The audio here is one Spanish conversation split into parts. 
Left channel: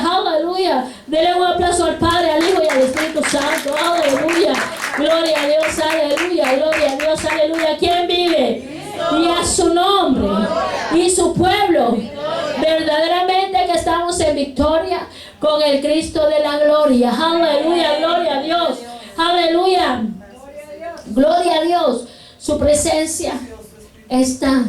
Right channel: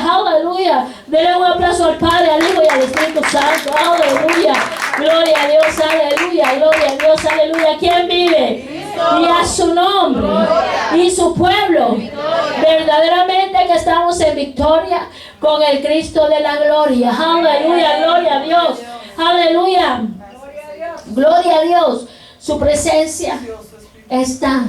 aleluya. Denle un aplauso al Padre, al Hijo y al Espíritu Santo, aleluya. Gloria a Dios, aleluya, gloria a Dios, aleluya. ¿Quién vive? Y a su nombre y su pueblo. Verdaderamente que estamos en victoria con el Cristo de la gloria. Aleluya, gloria a Dios. Aleluya. Gloria a Dios. Su presencia está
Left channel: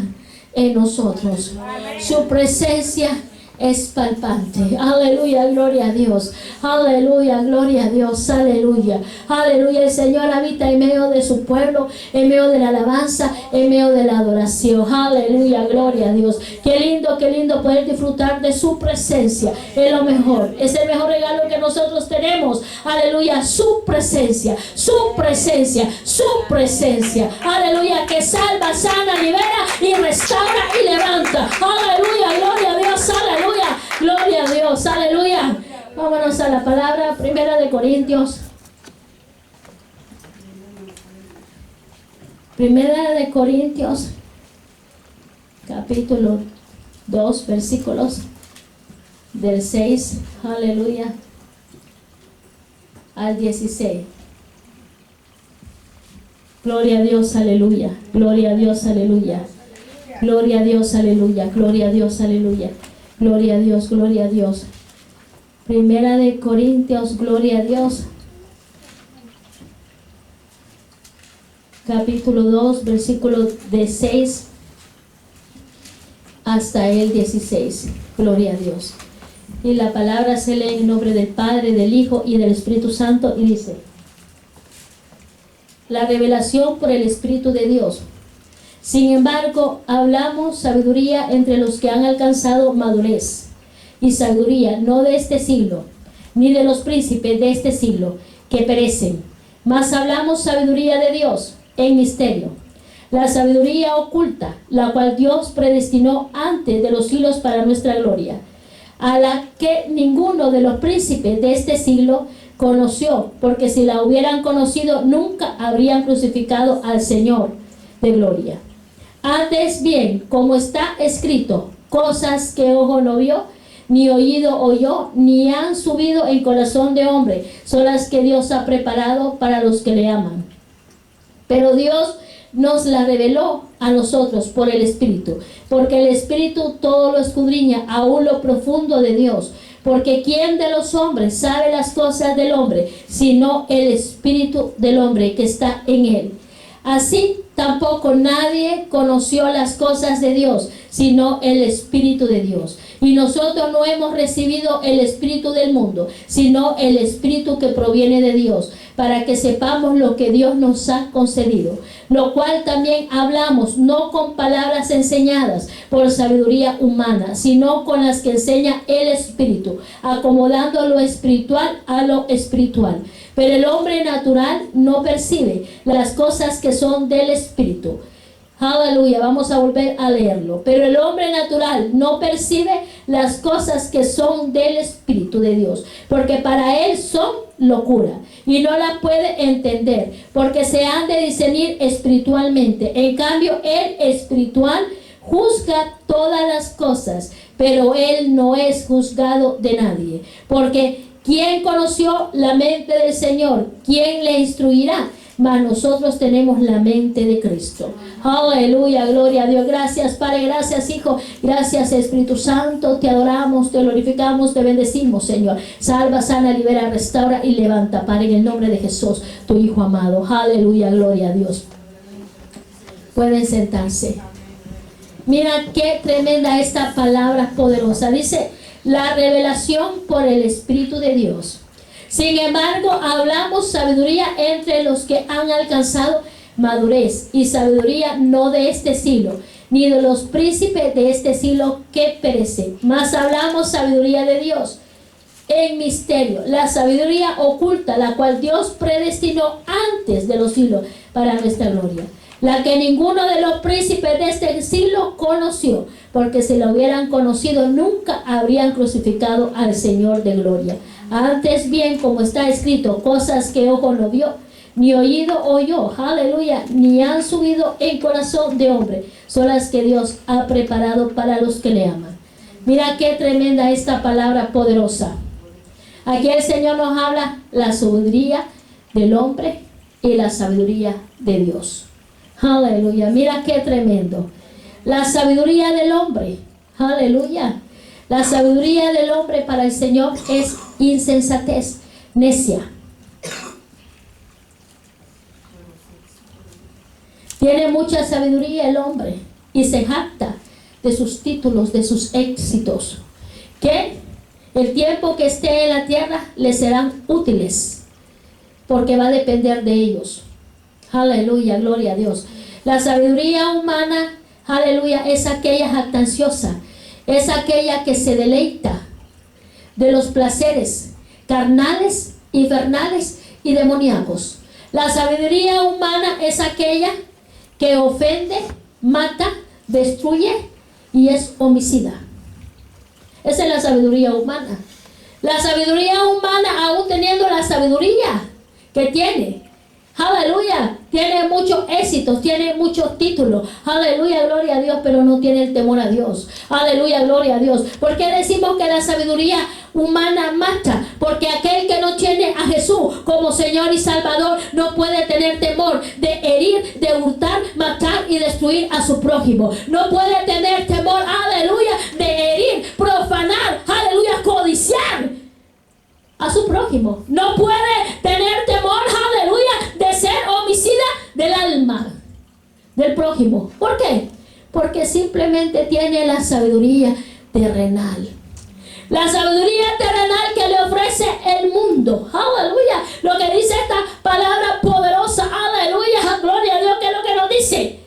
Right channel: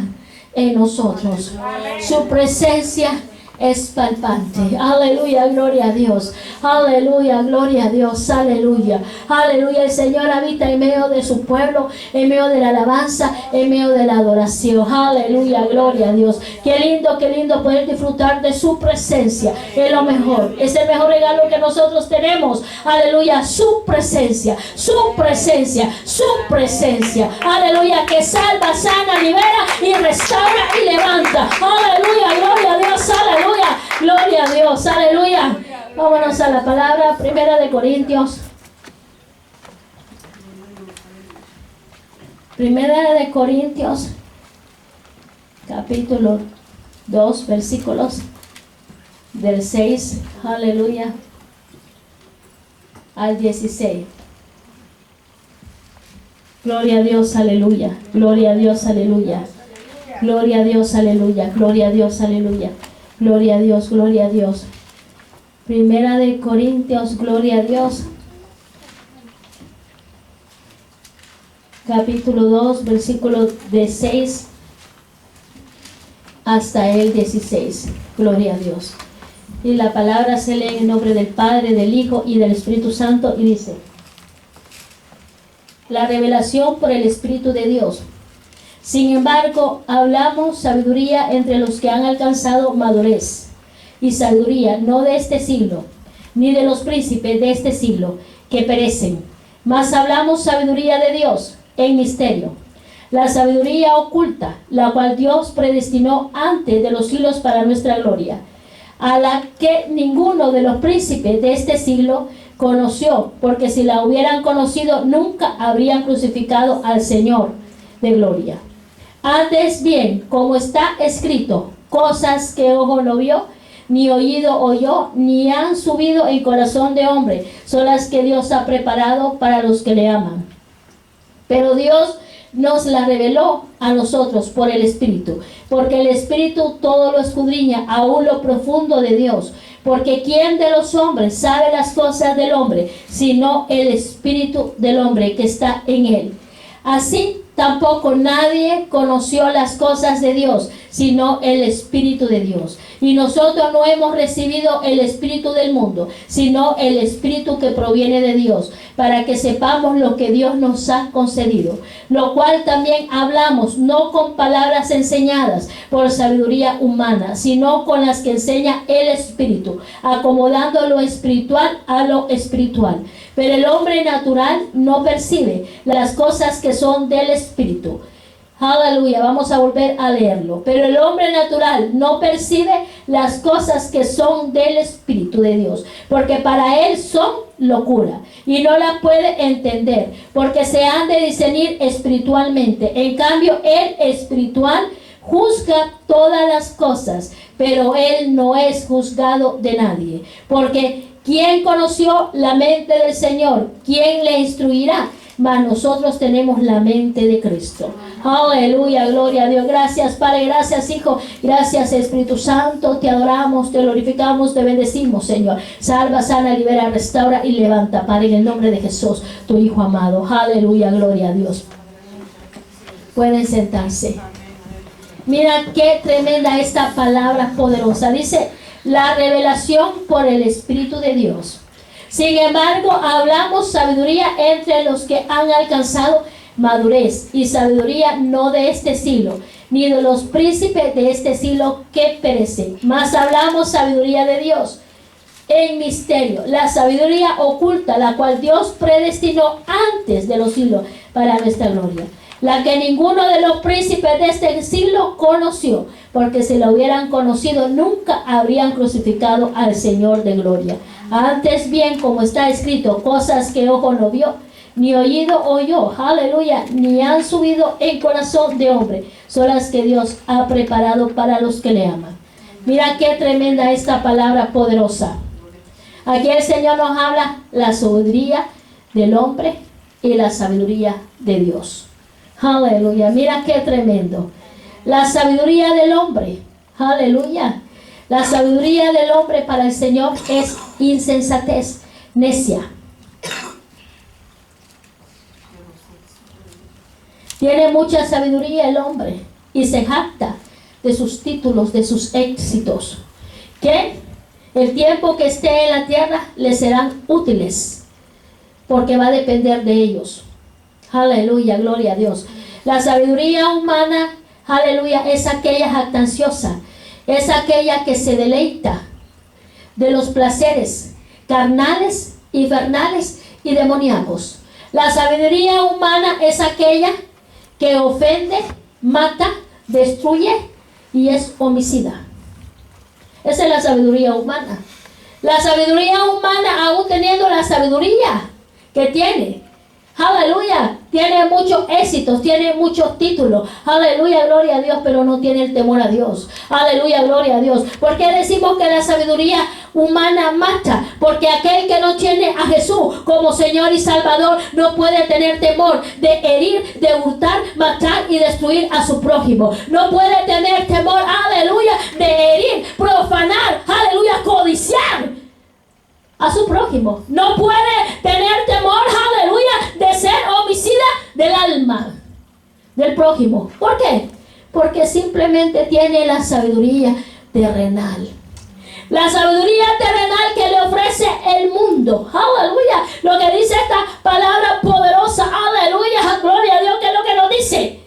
en nosotros. Su presencia es palpante. Aleluya, gloria a Dios. Aleluya, gloria a Dios. Aleluya. Aleluya. El Señor habita en medio de su pueblo, en medio de la alabanza, en medio de la adoración. Aleluya, gloria a Dios. Qué lindo poder disfrutar de su presencia. Es lo mejor. Es el mejor regalo que nosotros tenemos. Aleluya, su presencia, su presencia, su presencia. Aleluya, que salva, sana, libera y restaura y levanta. Aleluya, gloria a Dios. Aleluya. Gloria a Dios, aleluya. Vámonos a la palabra, Primera de Corintios. Primera de Corintios, capítulo 2, versículos del 6, aleluya, al 16. Gloria a Dios, aleluya. Gloria a Dios, aleluya. Gloria a Dios, aleluya. Gloria a Dios, aleluya. Gloria a Dios, gloria a Dios. Primera de Corintios, gloria a Dios. Capítulo 2, versículo de 6 hasta el 16. Gloria a Dios. Y la palabra se lee en nombre del Padre, del Hijo y del Espíritu Santo y dice: la revelación por el Espíritu de Dios. Sin embargo, hablamos sabiduría entre los que han alcanzado madurez, y sabiduría no de este siglo, ni de los príncipes de este siglo, que perecen, mas hablamos sabiduría de Dios en misterio, la sabiduría oculta, la cual Dios predestinó antes de los siglos para nuestra gloria, a la que ninguno de los príncipes de este siglo conoció, porque si la hubieran conocido, nunca habrían crucificado al Señor de gloria. Antes bien, como está escrito, cosas que ojo no vio, ni oído oyó, ni han subido en corazón de hombre, son las que Dios ha preparado para los que le aman. Pero Dios nos la reveló a nosotros por el Espíritu, porque el Espíritu todo lo escudriña, aún lo profundo de Dios. Porque ¿quién de los hombres sabe las cosas del hombre, sino el Espíritu del hombre que está en él? Así tampoco nadie conoció las cosas de Dios, sino el Espíritu de Dios. Y nosotros no hemos recibido el espíritu del mundo, sino el Espíritu que proviene de Dios, para que sepamos lo que Dios nos ha concedido. Lo cual también hablamos, no con palabras enseñadas por sabiduría humana, sino con las que enseña el Espíritu, acomodando lo espiritual a lo espiritual. Pero el hombre natural no percibe las cosas que son del Espíritu. Aleluya, vamos a volver a leerlo. Pero el hombre natural no percibe las cosas que son del Espíritu de Dios, porque para él son locura, y no la puede entender, porque se han de discernir espiritualmente. En cambio, el espiritual juzga todas las cosas, pero él no es juzgado de nadie. Porque ¿quién conoció la mente del Señor? ¿Quién le instruirá? Mas nosotros tenemos la mente de Cristo. Aleluya, gloria a Dios. Gracias Padre, gracias Hijo, gracias Espíritu Santo. Te adoramos, te glorificamos, te bendecimos, Señor. Salva, sana, libera, restaura y levanta, Padre, en el nombre de Jesús, tu Hijo amado. Aleluya, gloria a Dios. Pueden sentarse. Mira qué tremenda esta palabra poderosa. Dice, la revelación por el Espíritu de Dios. Sin embargo, hablamos sabiduría entre los que han alcanzado madurez, y sabiduría no de este siglo, ni de los príncipes de este siglo que perecen, mas hablamos sabiduría de Dios en misterio, la sabiduría oculta, la cual Dios predestinó antes de los siglos para nuestra gloria, la que ninguno de los príncipes de este siglo conoció, porque si la hubieran conocido, nunca habrían crucificado al Señor de gloria. Antes bien, como está escrito, cosas que ojo no vio, ni oído oyó, aleluya, ni han subido en corazón de hombre, son las que Dios ha preparado para los que le aman. Mira qué tremenda esta palabra poderosa. Aquí el Señor nos habla la sabiduría del hombre y la sabiduría de Dios. Aleluya. Mira qué tremendo. La sabiduría del hombre. Aleluya. La sabiduría del hombre para el Señor es insensatez, necia. Tiene mucha sabiduría el hombre y se jacta de sus títulos, de sus éxitos, que el tiempo que esté en la tierra le serán útiles, porque va a depender de ellos. Aleluya, gloria a Dios. La sabiduría humana, aleluya, es aquella jactanciosa, es aquella que se deleita de los placeres carnales, infernales y demoníacos. La sabiduría humana es aquella que ofende, mata, destruye y es homicida. Esa es la sabiduría humana. La sabiduría humana, aún teniendo la sabiduría que tiene, aleluya, tiene muchos éxitos, tiene muchos títulos, aleluya, gloria a Dios, pero no tiene el temor a Dios. Aleluya, gloria a Dios. ¿Por qué decimos que la sabiduría humana mata? Porque aquel que no tiene a Jesús como Señor y Salvador no puede tener temor de herir, de hurtar, matar y destruir a su prójimo. No puede tener temor, aleluya, de herir, profanar, aleluya, codiciar a su prójimo. No puede tener temor, aleluya, de ser homicida del alma del prójimo. ¿Por qué? Porque simplemente tiene la sabiduría terrenal. La sabiduría terrenal que le ofrece el mundo. Aleluya. Lo que dice esta palabra poderosa. Aleluya. Gloria a Dios. ¿Qué es lo que nos dice?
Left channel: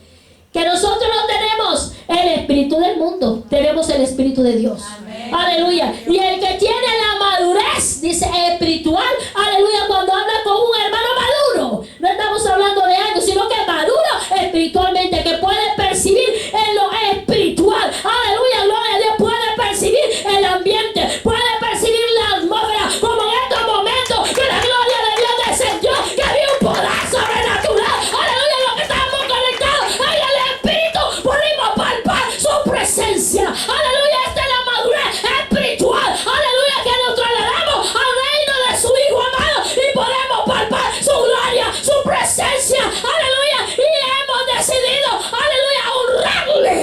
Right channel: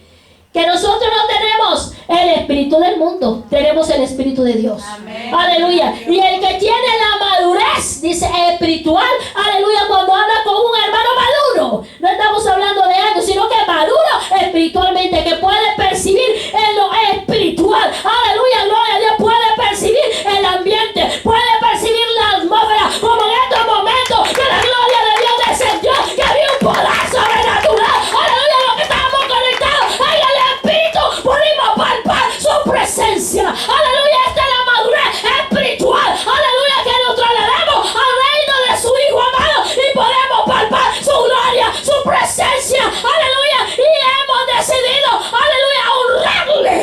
Que nosotros no tenemos el espíritu del mundo. Tenemos el espíritu de Dios. Amén. Aleluya. Y el que tiene la madurez, dice espiritual. Aleluya. Cuando anda con un hermano maduro. No estamos hablando de algo, sino que maduro espiritualmente. Que puede percibir en lo espiritual. Aleluya. Gloria a Dios. Puede percibir el ambiente. Puede percibir la atmósfera. Como en estos momentos que la gloria de Dios descendió. Que había un poder sobrenatural. Aleluya. Lo que estábamos conectados. Ay, el espíritu. Pudimos palpar su presencia. Aleluya. Esta es la madurez espiritual. Aleluya. Que nos trasladamos al reino de su Hijo amado. Y podemos palpar su gloria, su presencia. Aleluya. Y hemos decidido, aleluya, honrarle.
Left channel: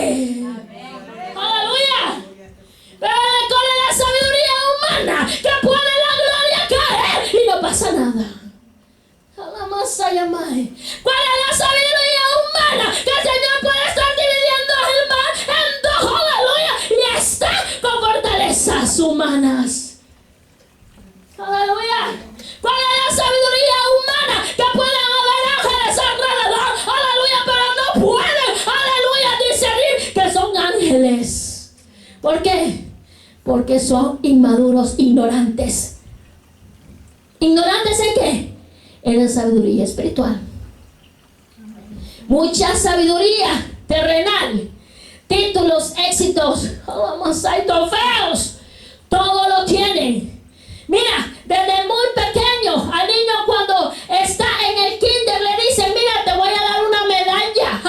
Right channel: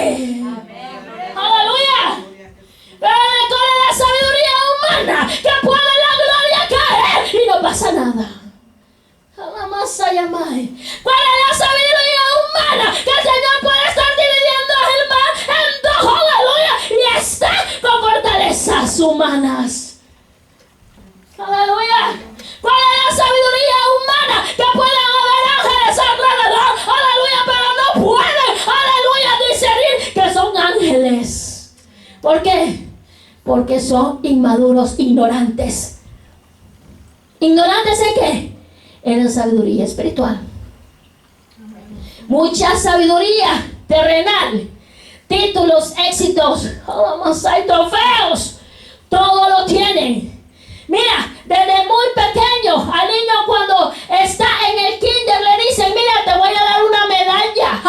Aleluya. Pero con la sabiduría humana que puede la gloria caer y no pasa nada. ¿Cuál es la sabiduría humana? Que el Señor puede estar dividiendo el mar en dos, aleluya, y está con fortalezas humanas. Aleluya. ¿Cuál es la sabiduría humana? Que pueden haber ángeles alrededor, aleluya, pero no pueden, aleluya, discernir que son ángeles. ¿Por qué? Porque son inmaduros, ignorantes. ¿Ignorantes en qué? En la sabiduría espiritual. Mucha sabiduría terrenal, títulos, éxitos, trofeos, todo lo tienen. Mira, desde muy pequeño al niño cuando está en el kinder le dicen, mira, te voy a dar una medalla,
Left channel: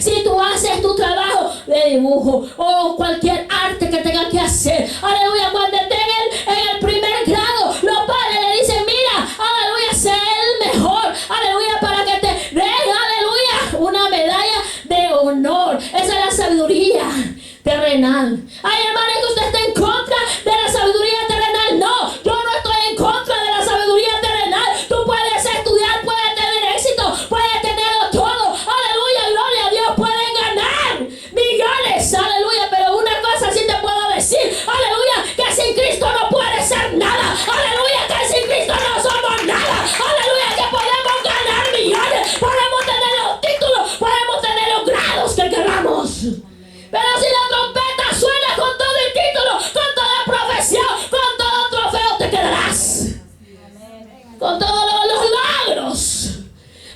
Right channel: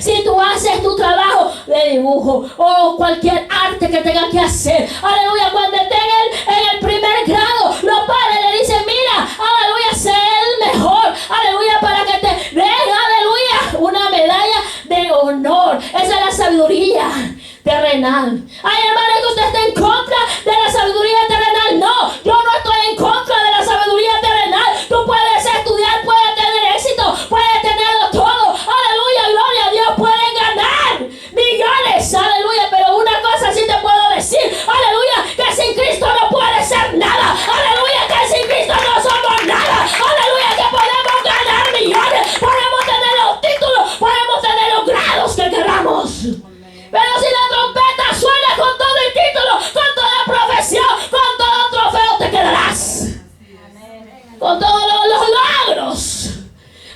si tú haces tu trabajo de dibujo o cualquier arte que tengas que hacer. Aleluya, cuando esté en el primer grado, los padres le dicen, mira, aleluya, sé el mejor, aleluya, para que te den, aleluya, una medalla de honor. Esa es la sabiduría terrenal. Ay, hermano, que usted está en contra de la sabiduría terrenal. No, yo no estoy en contra de la sabiduría terrenal. Tú puedes estudiar, puedes tener éxito, puedes tenerlo todo. Aleluya, gloria a Dios, pueden ganar millones. Aleluya, pero una cosa sí te puedo decir. Aleluya, que sin Cristo no puede ser nada. Aleluya, que sin Cristo no somos nada. Aleluya, que podemos ganar millones. Podemos tener los títulos, podemos tener los grados que queramos. Pero si la trompeta suena con todo el título, con toda profesión, con todo trofeo, te quedarás. Con todos los logros.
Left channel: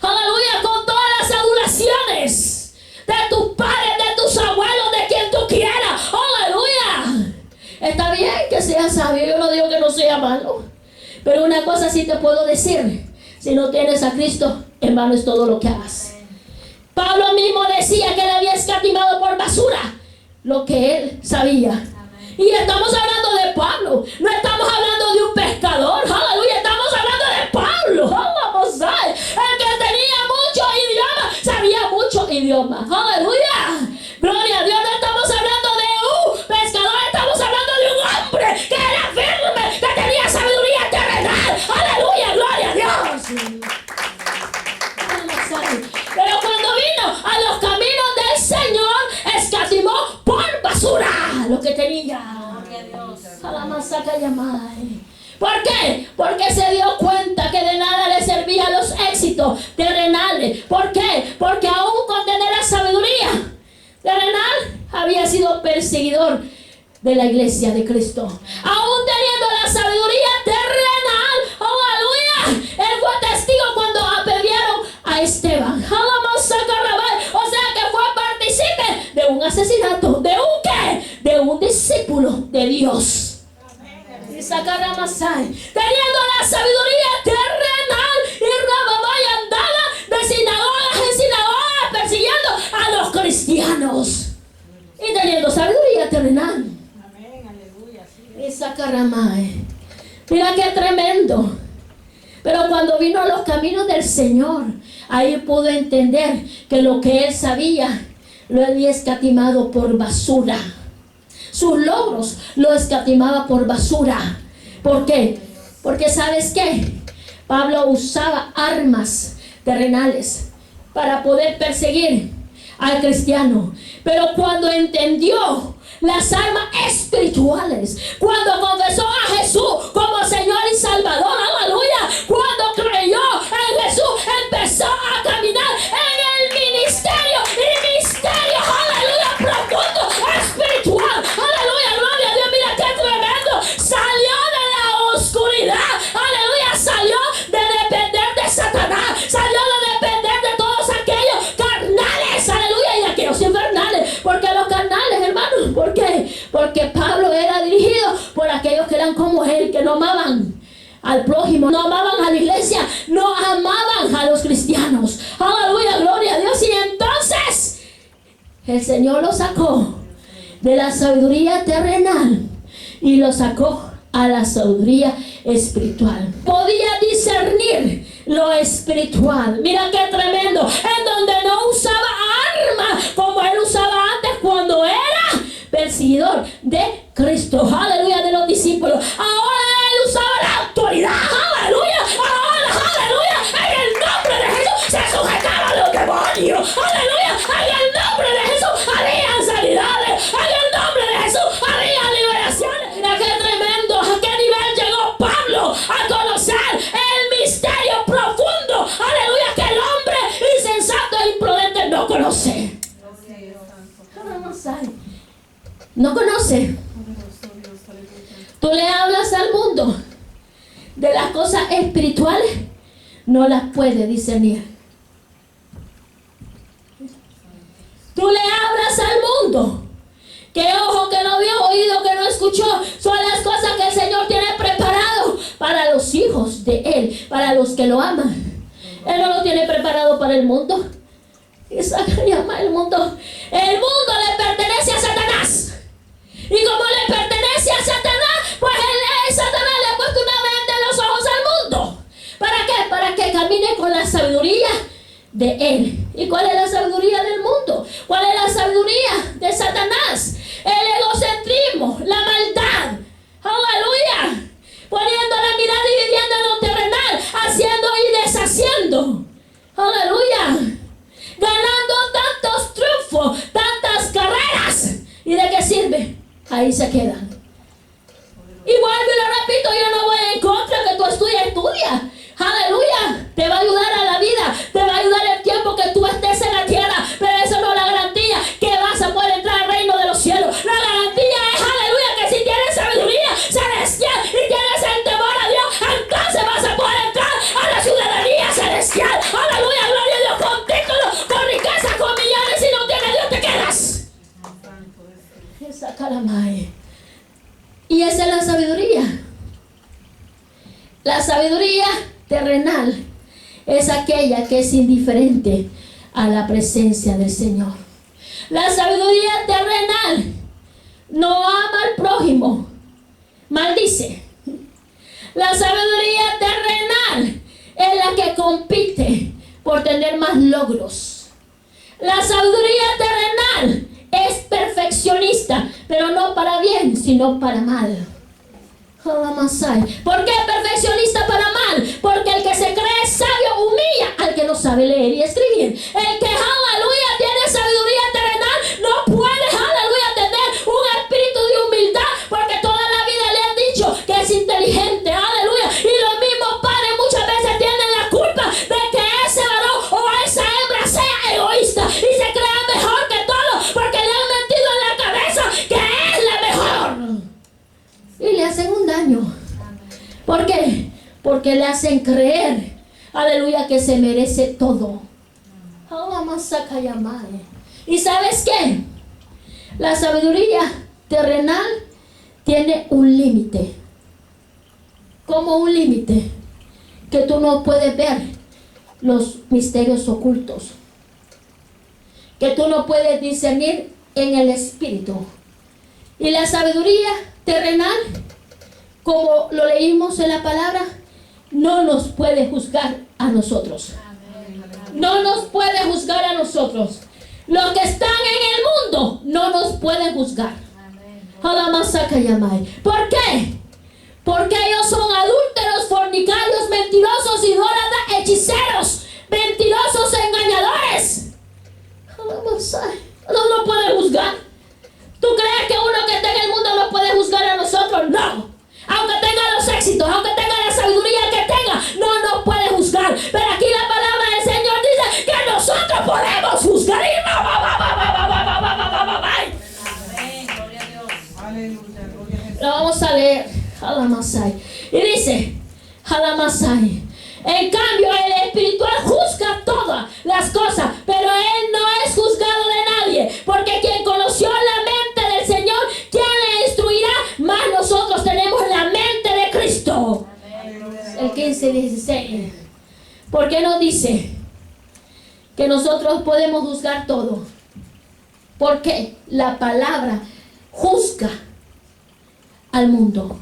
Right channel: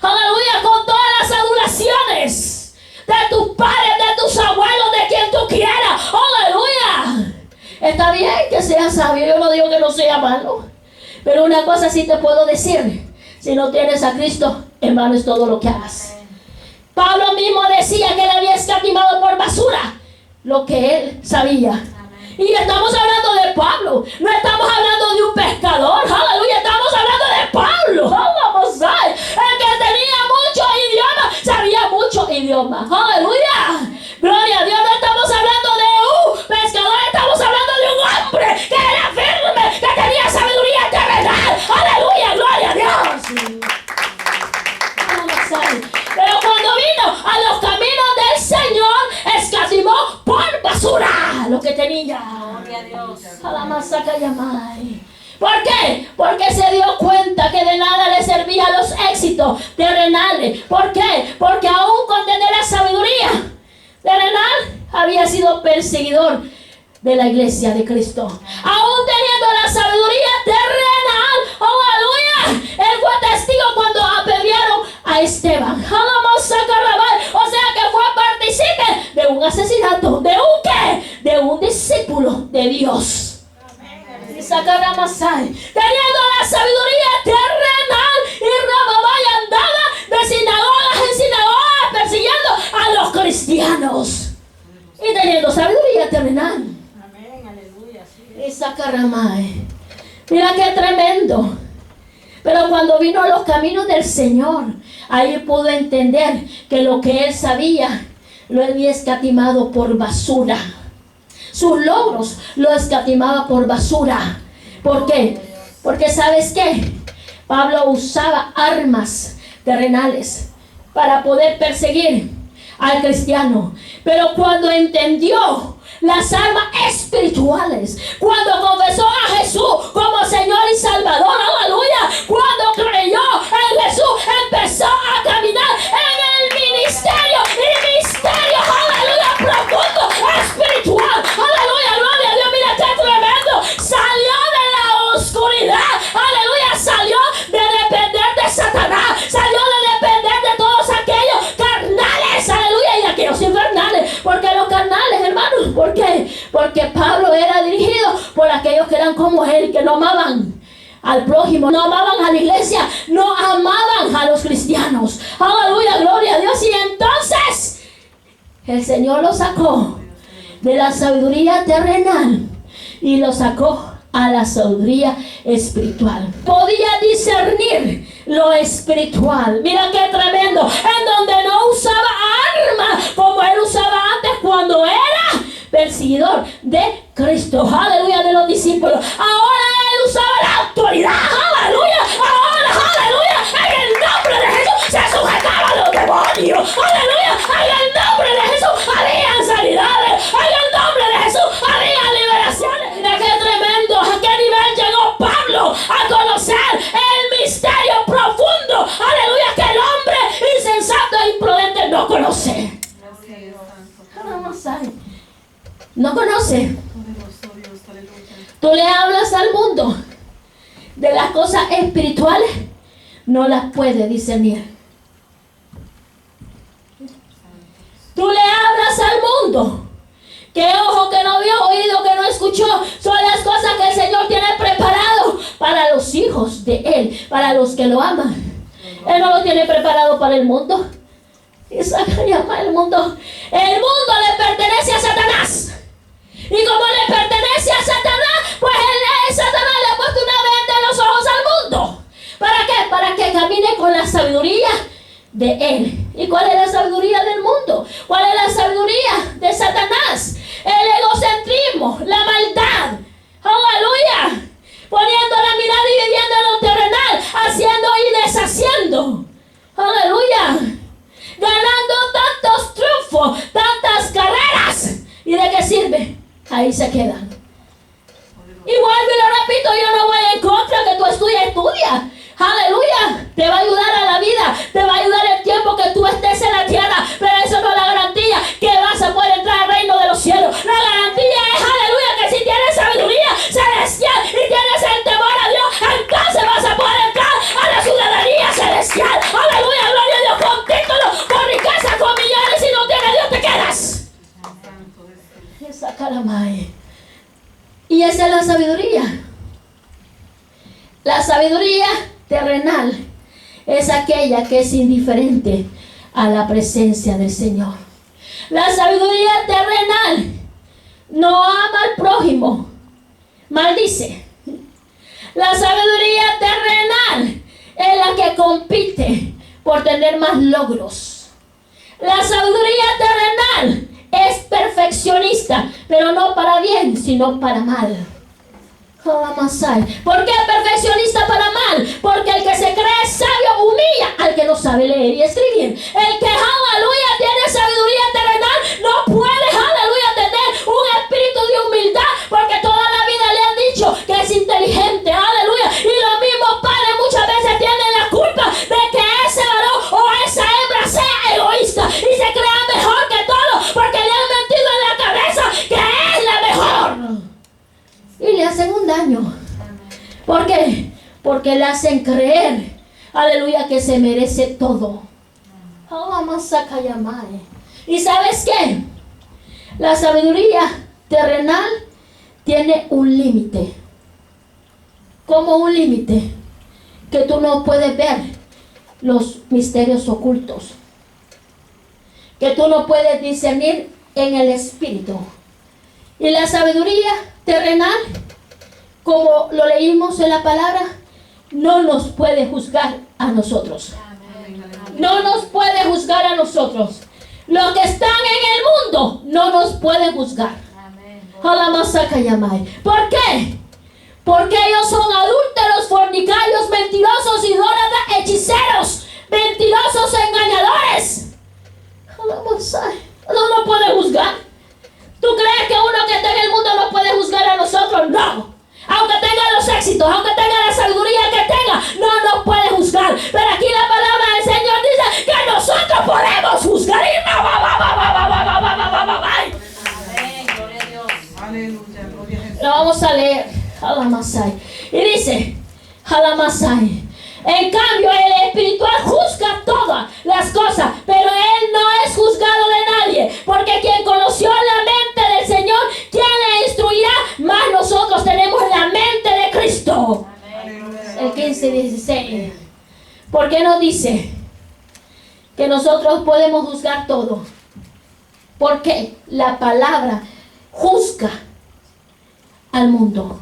Aleluya, con todas las adulaciones de tus padres, de tus abuelos, de quien tú quieras. Aleluya. Está bien que seas sabio, yo no digo que no sea malo. Pero una cosa sí te puedo decir. Si no tienes a Cristo, en vano es todo lo que hagas. Pablo mismo decía que le había escatimado por basura lo que él sabía. Y estamos hablando de Pablo, no estamos hablando de un pescador, aleluya, estamos hablando de Pablo, vamos a ver, el que tenía muchos idiomas, sabía muchos idiomas, aleluya, gloria a Dios. No estamos hablando de un pescador, estamos hablando de un hombre que era firme, que tenía sabiduría terrenal, aleluya, gloria a Dios. Vamos a ver. Pero cuando vino a los caminos del Señor, escatimó por basura lo que tenía. A la masaca llamai. ¿Por qué? Porque se dio cuenta que de nada le servían los éxitos terrenales. ¿Por qué? Porque aún con tener la sabiduría terrenal, había sido perseguidor de la iglesia de Cristo. Aún teniendo la sabiduría terrenal, oh aleluya, él fue testigo cuando apedrearon a Esteban. O sea que fue partícipe de un asesinato. ¿De un qué? De un discípulo de Dios. Teniendo la sabiduría terrenal, y Rababay andaba de sinagogas en sinagogas persiguiendo a los cristianos. Y teniendo sabiduría terrenal. Esa caramay. Mira qué tremendo. Pero cuando vino a los caminos del Señor, ahí pudo entender que lo que él sabía lo había escatimado por basura. Sus logros lo escatimaba por basura. ¿Por qué? Porque ¿sabes qué? Pablo usaba armas terrenales para poder perseguir al cristiano. Pero cuando entendió las armas espirituales, cuando confesó a Jesús como Señor y Salvador, aleluya, cuando creyó en Jesús, empezó a caminar en el ministerio, aleluya, profundo, espiritual, aleluya, gloria a Dios. Mira qué tremendo, salió de la oscuridad, aleluya, salió de depender de Satanás, salió de depender de todos aquellos carnales, aleluya, y aquellos infernales. Porque los carnales, hermanos, ¿por qué? Porque Pablo era dirigido por aquellos que eran como él, que no amaban al prójimo, no amaban a la iglesia, no amaban a los cristianos. Aleluya, gloria a Dios. Y entonces el Señor lo sacó de la sabiduría terrenal y lo sacó a la sabiduría espiritual. Podía discernir lo espiritual. Mira qué tremendo. En donde no usaba armas como él usaba antes cuando era perseguidor de Cristo. Aleluya, de los discípulos. Ahora él usaba la autoridad. Aleluya. Ahora, aleluya, en el nombre de Jesús se sujetaba a los demonios. Aleluya. En el nombre de Jesús harían sanidades. En el nombre de Jesús harían liberaciones. Mira qué tremendo. ¿A qué nivel llegó Pablo a conocer el misterio profundo? Aleluya, que el hombre insensato e imprudente no conoce. No conoce. Tú le hablas al mundo de las cosas espirituales, no las puede discernir. Tú le hablas al mundo que ojo que no vio, oído que no escuchó, son las cosas que el Señor tiene preparado para los hijos de Él, para los que lo aman. Él no lo tiene preparado para el mundo. Esa llama el mundo. El mundo le pertenece a Satanás. Y como le pertenece a Satanás, pues Satanás le ha puesto una venda en los ojos al mundo. ¿Para qué? Para que camine con la sabiduría de él. ¿Y cuál es la sabiduría del mundo? ¿Cuál es la sabiduría de Satanás? El egocentrismo, la maldad. Aleluya. Poniendo la mirada y viviendo en lo terrenal, haciendo y deshaciendo. Aleluya. Ganando tantos triunfos, tantas carreras. ¿Y de qué sirve? Ahí se quedan. Y vuelvo y lo repito, yo no voy en contra que tú estudia. Aleluya. Te va a ayudar a la vida. Te va a ayudar el tiempo que tú estés en la tierra. Pero eso no es la garantía que vas a poder entrar al reino de los cielos. La garantía es, aleluya, que si tienes sabiduría celestial y tienes el temor a Dios, entonces vas a poder entrar a la ciudadanía celestial. Aleluya, gloria a Dios, con títulos, con riqueza, con millones. Si no tienes Dios, te quedas. Esa calamay. Y esa es la sabiduría. La sabiduría terrenal es aquella que es indiferente a la presencia del Señor. La sabiduría terrenal no ama al prójimo, maldice. La sabiduría terrenal es la que compite por tener más logros. La sabiduría terrenal es perfeccionista, pero no para bien, sino para mal. ¿Por qué perfeccionista para mal? Porque el que se cree sabio humilla al que no sabe leer y escribir. El que, aleluya, tiene sabiduría terrenal no puede, aleluya, tener un espíritu de humildad, porque toda la vida le han dicho que es inteligente, aleluya. Y los mismos padres muchas veces tienen la culpa de que ese varón o esa hembra sea egoísta y se crea mejor que todo, porque le han metido en la cabeza que es la mejor. Y le hacen un daño. ¿Por qué? Porque le hacen creer, aleluya, que se merece todo. ¿Y sabes qué? La sabiduría terrenal tiene un límite. Como un límite que tú no puedes ver los misterios ocultos, que tú no puedes discernir en el espíritu. Y la sabiduría terrenal, como lo leímos en la palabra, no nos puede juzgar a nosotros. No nos puede juzgar a nosotros. Los que están en el mundo no nos pueden juzgar. ¿Por qué? Porque ellos son adúlteros, fornicarios, mentirosos, idólatras, hechiceros, mentirosos, engañadores. No nos puede juzgar. ¿Tú crees que uno que está en el mundo no puede juzgar a nosotros? No. Aunque tenga los éxitos, aunque tenga la sabiduría que tenga, no nos puede juzgar. Pero aquí la palabra del Señor dice que nosotros podemos juzgar. Amén, gloria a Dios. Aleluya, gloria a Jesús. Lo vamos a leer. Halamasai. Y dice, Halamasai. En cambio, el espiritual juzga todas las cosas, pero él no es juzgado de nadie, porque quien conoció la mente del Señor, ¿quién le instruirá? Más nosotros tenemos la mente de Cristo. El 15-16. ¿Por qué nos dice que nosotros podemos juzgar todo? Porque la palabra juzga al mundo.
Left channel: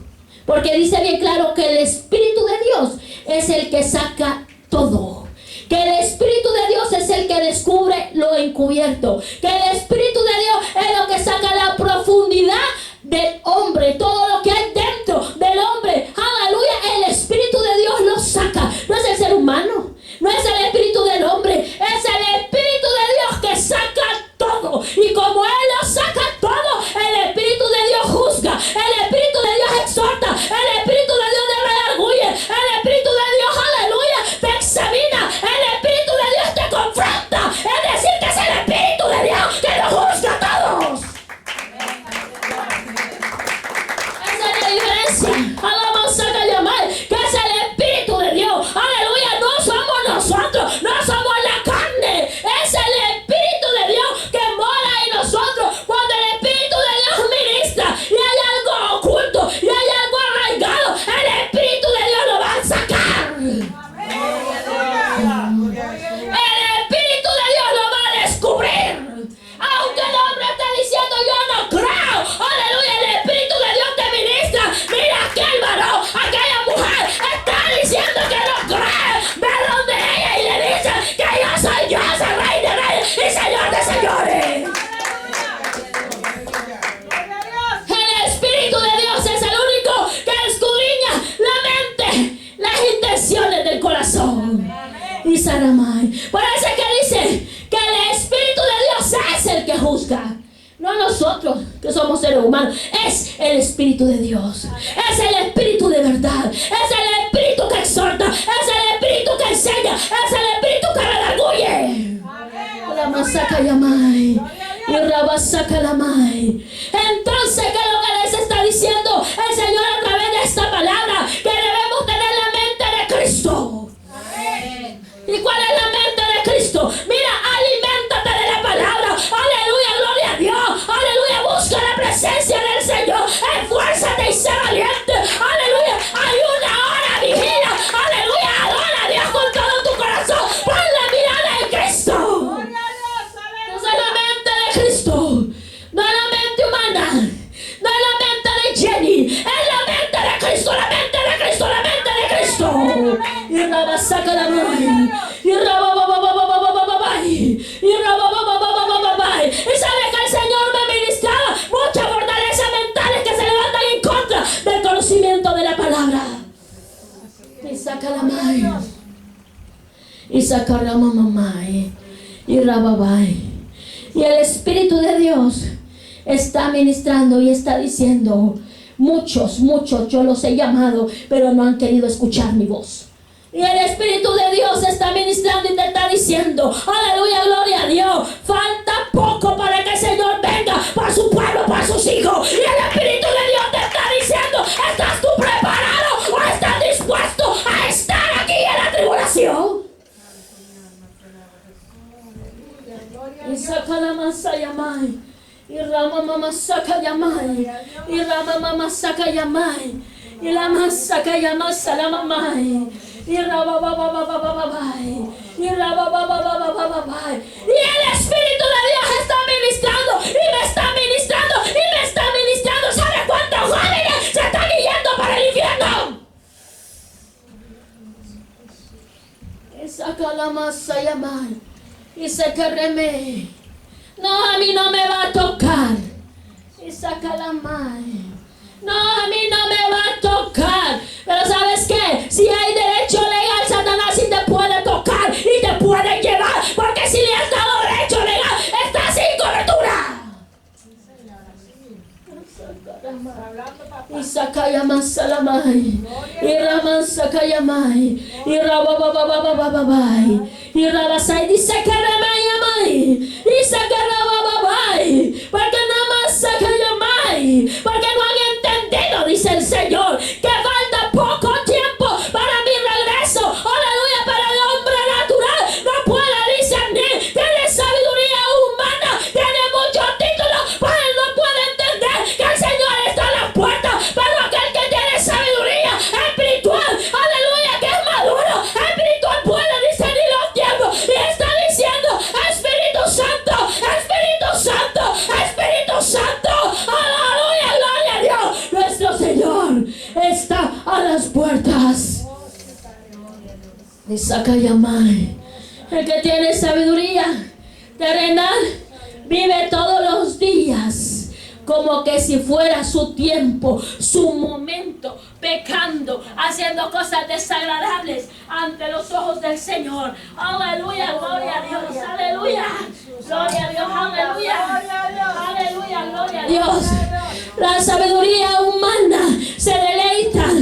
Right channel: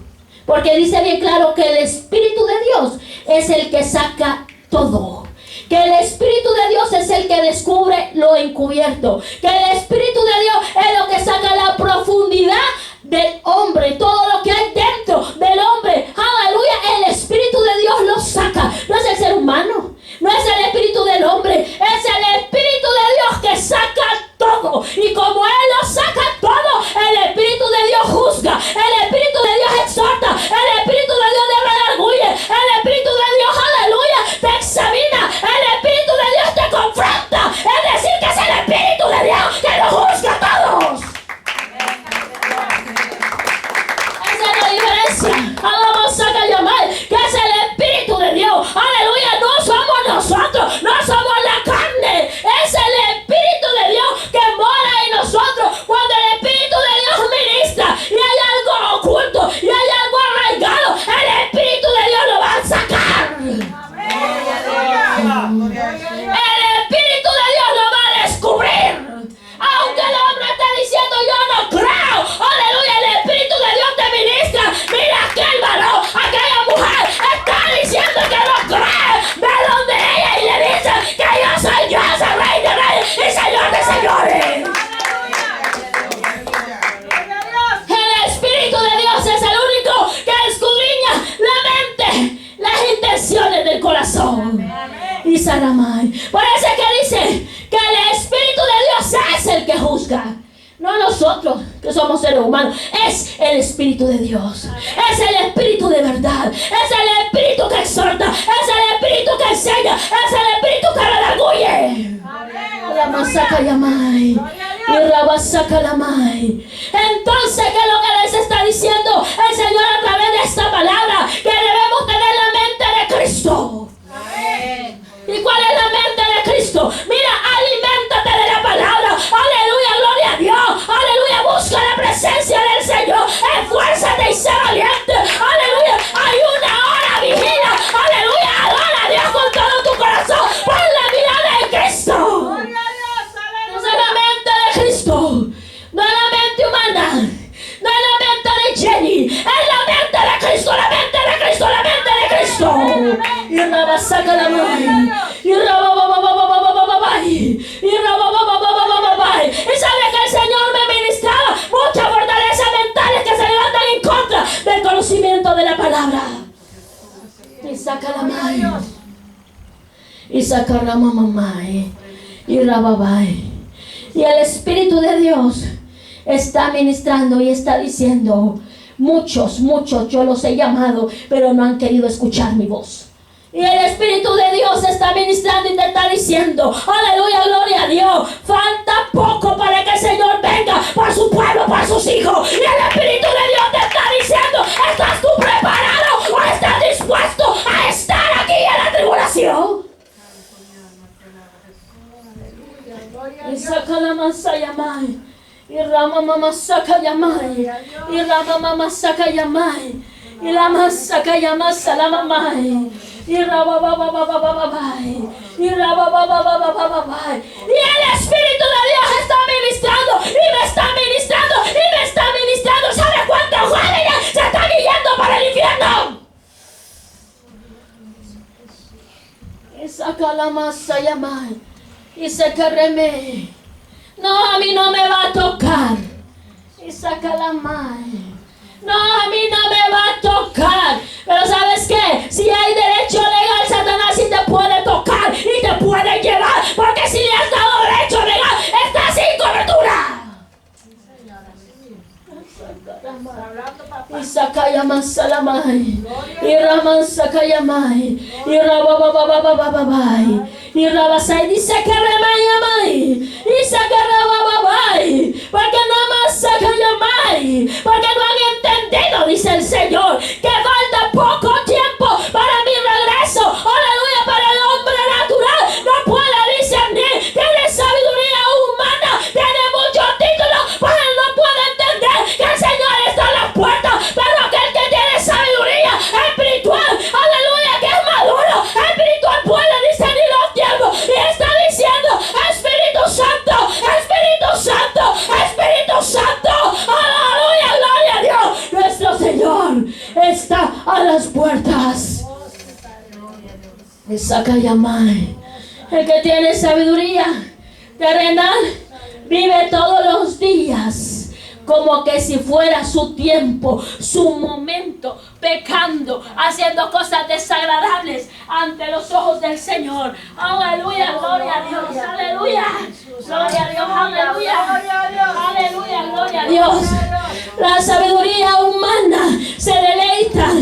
Porque dice bien claro que el Espíritu de Dios es el que saca todo. Que el Espíritu de Dios es el que descubre lo encubierto. Que el Espíritu de Dios es lo que saca la profundidad del hombre. Todo lo que hay dentro del hombre. Aleluya. El Espíritu de Dios lo saca. No es el ser humano. No es el espíritu del hombre. Es el Espíritu de Dios que saca todo. Y como Él lo saca todo, el Espíritu de Dios juzga. El Espíritu de Dios exhorta. El Espíritu de Dios te redarguye. El Espíritu de Dios, aleluya, te examina. El Espíritu de Dios te confronta. Es decir, que es el Espíritu de Dios que lo juzga a todos. Esa es la diferencia. Vamos a llamar que es el Espíritu de Dios. Aleluya, no somos nosotros, no somos la carne. Es el Espíritu de Dios que mora en nosotros. Cuando el Espíritu de Dios ministra y hay algo oculto y hay algo arraigado, el Espíritu de Dios lo va a sacar. El Espíritu de Dios lo va a descubrir. Aunque el hombre esté diciendo yo no creo, aleluya, el Espíritu de Dios te ministra. Mira aquel varón, aquella mujer está diciendo que no cree. Ve donde ella y le dice que yo soy Dios, el Rey de Reyes y Señor de Señores. El Espíritu de Dios es el único que escudriña la mente, las intenciones del corazón. Y Saramay. Por eso es que dice que el Espíritu de Dios es el que juzga. No nosotros, que somos seres humanos. Es el Espíritu de Dios. Es el Espíritu de verdad. Es el Espíritu que exhorta. Es el Espíritu que enseña. Es el Espíritu que redarguye. La masaca yamay. Y rabasaca lamay. Entonces, ¿qué es lo que les está diciendo el Señor a través de esta palabra? Que debemos tener la mente de Cristo. ¿Y cuál es la mente de Cristo? Mira, aliméntate de la palabra. Aleluya, gloria a Dios. Aleluya, busca la presencia del Señor. Esfuérzate y sé valiente. Aleluya, hay una hora, vigila. Aleluya, adora a Dios con todo tu corazón. Pon la mirada en Cristo. No es la mente de Cristo, no es la mente humana. saca la mano. Y sabe que el Señor me ministraba muchas fortalezas mentales que se levantan en contra del conocimiento de la palabra. Y saca la mano. Y saca la mamá. Y rababai. Y el Espíritu de Dios está ministrando y está diciendo: muchos yo los he llamado, pero no han querido escuchar mi voz. Y el Espíritu de Dios está ministrando y te está diciendo: aleluya, gloria a Dios, falta poco para que el Señor venga para su pueblo, para sus hijos. Y el Espíritu de Dios te está diciendo: ¿estás tú preparado o estás dispuesto a estar aquí en la tribulación? Y saca la masa yamai. Y rama mamá saca yamai. Y rama mamá saca yamai. Y la masaka yamasa la mamai. Y raba baba baba baba. Y raba baba baba baba. Y el Espíritu de Dios está ministrando. Y me está ministrando. Y me está ministrando. ¿Sabe cuántos jóvenes se están yendo para el infierno? Y saca la masa yamai. Y se carreme. No, a mí no me va a tocar. Y saca la mano. No, a mí no me va a tocar. Pero ¿sabes qué? Si hay derecho legal, Satanás sí te puede tocar y te puede llevar. Porque si le has dado derecho legal, estás sin cobertura. Y Sakayama Salamai. Y Raman Sakayamai. Y Rabababababai. Y Rabasai dice que Remayamai. Y Sakarabababai. Porque no más Sakayamai. Porque no han entendido, dice el Señor, que falta poco tiempo para mi regreso. Aleluya, para el hombre natural no puede discernir. Tiene sabiduría humana, tiene muchos títulos, pero él no puede entender que el Señor está a las puertas. Pero aquel que tiene sabiduría espiritual, aleluya, que es maduro, espiritual, puede discernir los tiempos. Y está diciendo: Espíritu Santo, Espíritu Santo, Espíritu Santo, aleluya, gloria a Dios. Nuestro Señor está a las puertas. Y Sakayamai. El que tiene sabiduría terrenal vive todos los días como que si fuera su tiempo, su momento, pecando, haciendo cosas desagradables ante los ojos del Señor. Aleluya, gloria a Dios, aleluya, gloria a Dios, aleluya, aleluya, gloria a Dios. La sabiduría humana se deleita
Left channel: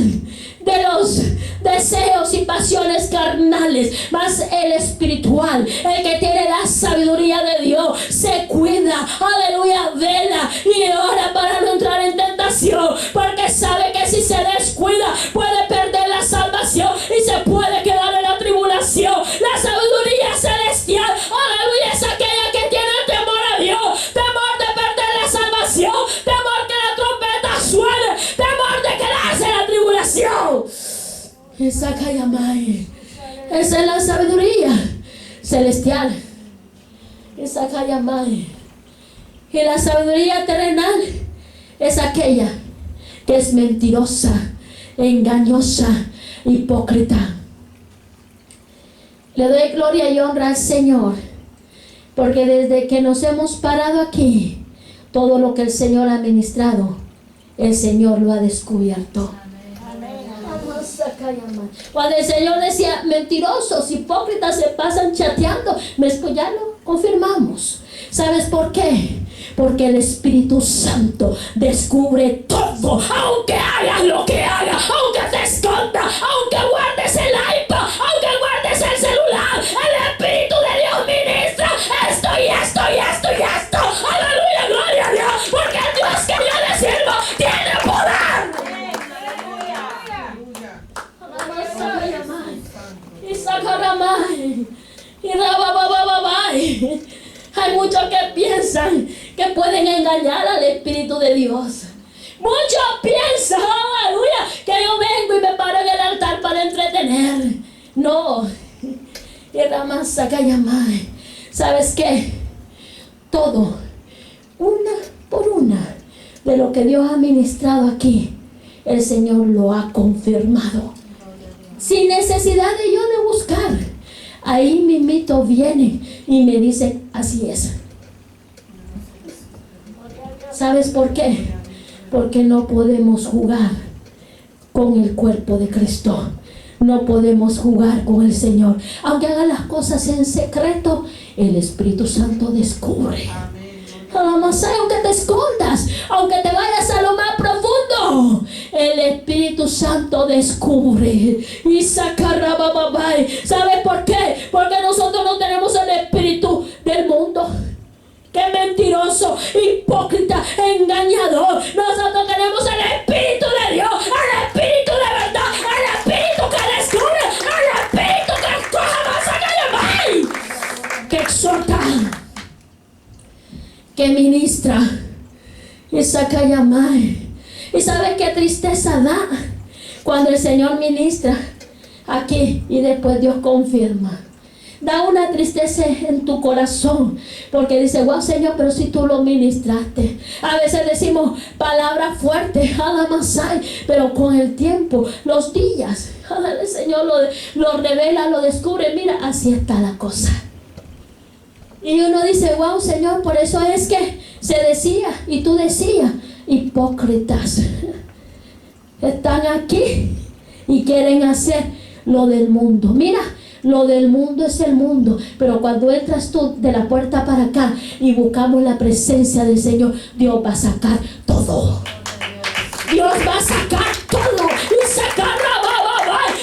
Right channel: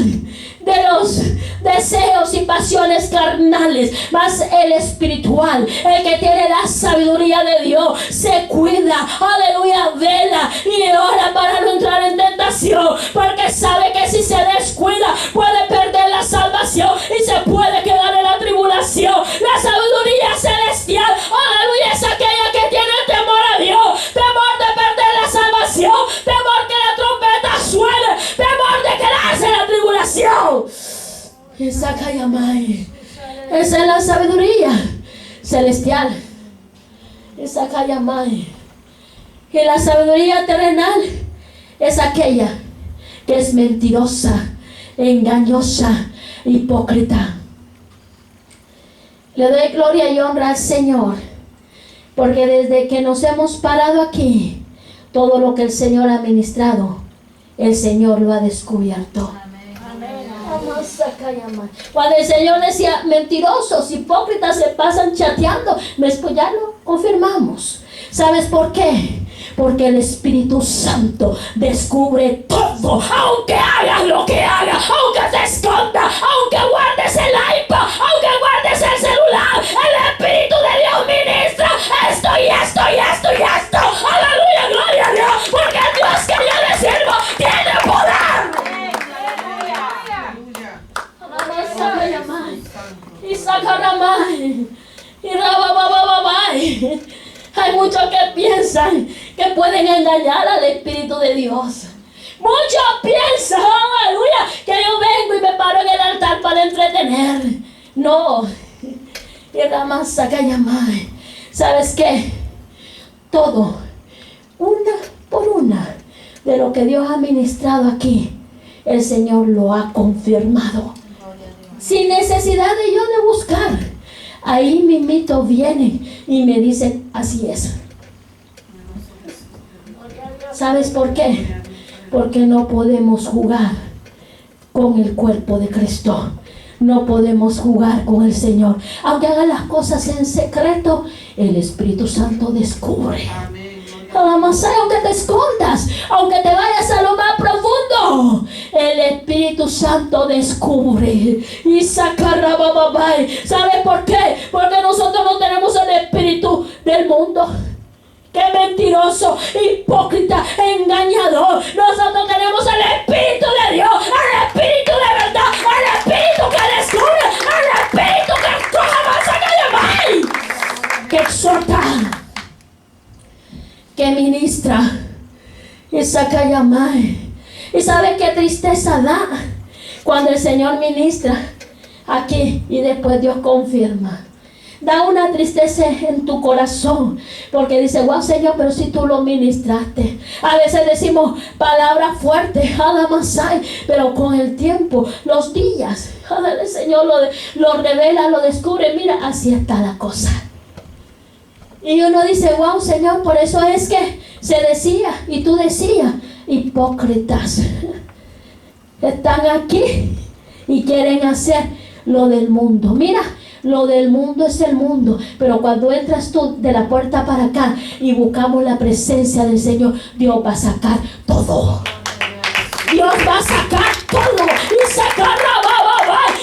de los deseos y pasiones carnales, mas el espiritual, el que tiene la sabiduría de Dios, se cuida, aleluya, vela y ora para no entrar en tentación, porque sabe que si se descuida puede perder la salvación y se puede quedar en la tribulación. La sabiduría celestial, aleluya, es aquella que tiene el temor a Dios, temor de perder la salvación, temor que la trompeta suene, temor de quedarse en la tribulación. Esa es la sabiduría celestial. Esa y la sabiduría terrenal es aquella que es mentirosa, engañosa, hipócrita. Le doy gloria y honra al Señor, porque desde que nos hemos parado aquí, todo lo que el Señor ha ministrado, el Señor lo ha descubierto. Cuando el Señor decía mentirosos, hipócritas se pasan chateando, pues ya lo confirmamos. ¿Sabes por qué? Porque el Espíritu Santo descubre todo. Aunque hagas lo que hagas, aunque te escondas, aunque guardes el iPad, aunque guardes el celular, el Espíritu de Dios ministra esto y esto y esto y esto. Aleluya, gloria a Dios, porque el Dios que yo le sirvo tiene poder. Y Sakaramai y Rababababai. Hay muchos que piensan que pueden engañar al Espíritu de Dios. Muchos piensan, aleluya, que yo vengo y me paro en el altar para entretener. No. Y Ramasakayamai. ¿Sabes qué? Todo, una por una, de lo que Dios ha ministrado aquí, el Señor lo ha confirmado. sin necesidad de yo de buscar. Ahí mismito vienen y me dicen, así es. ¿Sabes por qué? Porque no podemos jugar con el cuerpo de Cristo. No podemos jugar con el Señor. Aunque hagan las cosas en secreto, el Espíritu Santo descubre. Aunque te escondas, aunque te vayas a lo más profundo, el Espíritu Santo descubre y sacará bababai. ¿Sabes por qué? Porque nosotros no tenemos el espíritu del mundo. ¡Qué mentiroso, hipócrita, engañador! Nosotros tenemos el Espíritu de Dios, el Espíritu de verdad, el Espíritu que descubre, el Espíritu que coja, que exhorta, que ministra y saca llamar. ¿Y sabe qué tristeza da cuando el Señor ministra aquí y después Dios confirma? Da una tristeza en tu corazón porque dice, wow, Señor, pero si tú lo ministraste. A veces decimos palabras fuertes, pero con el tiempo, los días, el Señor lo revela, lo descubre. Mira, así está la cosa. Y uno dice, wow, Señor, por eso es que se decía y tú decías, hipócritas, están aquí y quieren hacer lo del mundo. Mira, lo del mundo es el mundo, pero cuando entras tú de la puerta para acá y buscamos la presencia del Señor, Dios va a sacar todo. Dios va a sacar todo y sacar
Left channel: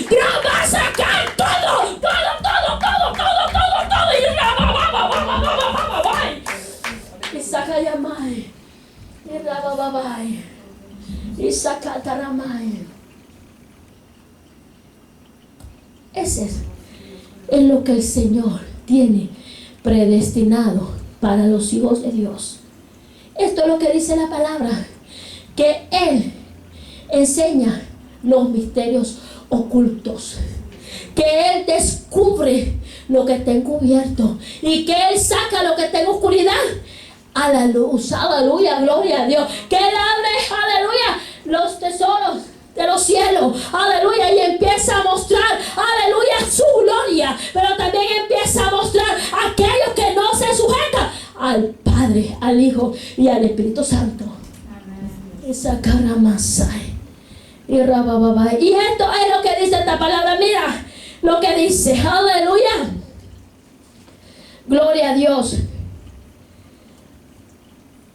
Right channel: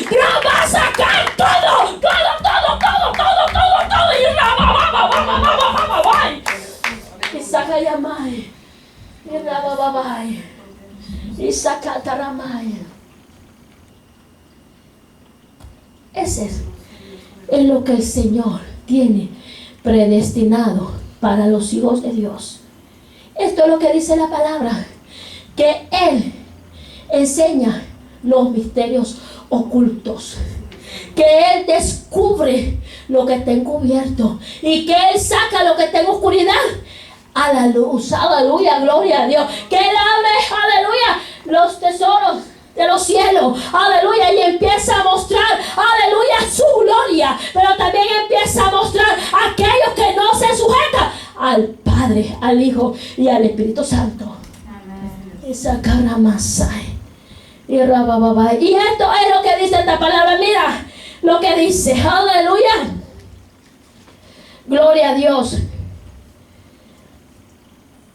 Dios va a sacar todo y saca Yamai y Rababai y saca Taramai. Ese es lo que el Señor tiene predestinado para los hijos de Dios. Esto es lo que dice la palabra, que Él enseña los misterios ocultos, que Él descubre lo que está encubierto y que Él saca lo que está en oscuridad a la luz. Aleluya, gloria a Dios. Que Él abre, aleluya, los tesoros de los cielos, aleluya, y empieza a mostrar, aleluya, su gloria, pero también empieza a mostrar a aquellos que no se sujetan al Padre, al Hijo y al Espíritu Santo. Y sacará Masai y Rabababa. Y esto es lo que dice esta palabra. Mira lo que dice, aleluya, gloria a Dios.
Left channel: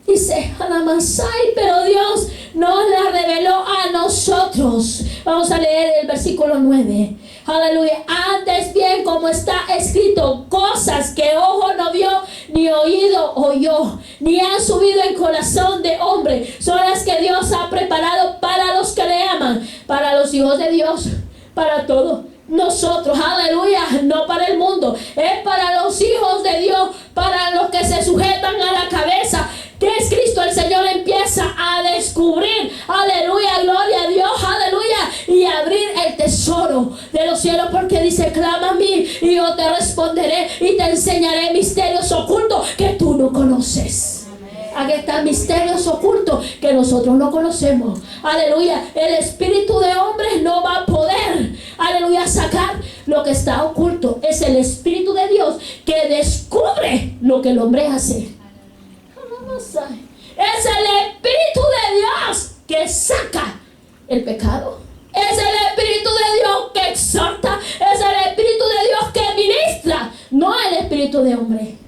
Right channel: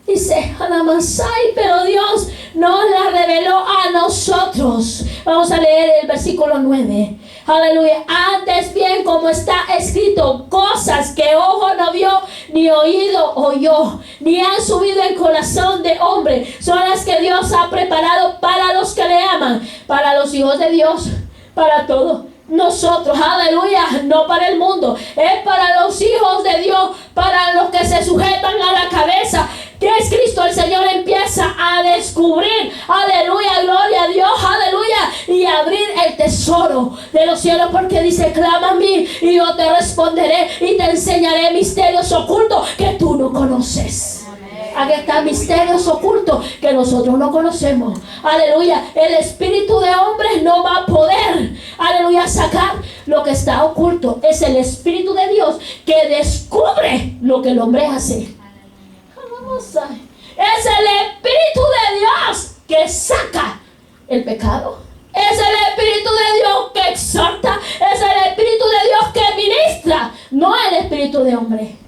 Dice Anamasai, pero Dios nos la reveló a nosotros. Vamos a leer el versículo 9. Aleluya. Antes bien, como está escrito, cosas que ojo no vio, ni oído oyó, ni han subido en corazón de hombre, son las que Dios ha preparado para los que le aman, para los hijos de Dios, para todos nosotros, aleluya, no para el mundo, es para los hijos de Dios, para los que se sujetan a la cabeza, que es Cristo. El Señor empieza a descubrir, aleluya, gloria a Dios, aleluya, y abrir el tesoro de los cielos, porque dice, clama a mí y yo te responderé y te enseñaré misterios ocultos que tú no conoces. Aquí están misterios ocultos que nosotros no conocemos. Aleluya. El espíritu de hombre no va a poder, aleluya, sacar lo que está oculto. Es el Espíritu de Dios que descubre lo que el hombre hace. Es el Espíritu de Dios que saca el pecado. Es el Espíritu de Dios que exhorta. Es el Espíritu de Dios que ministra. No el Espíritu de hombre.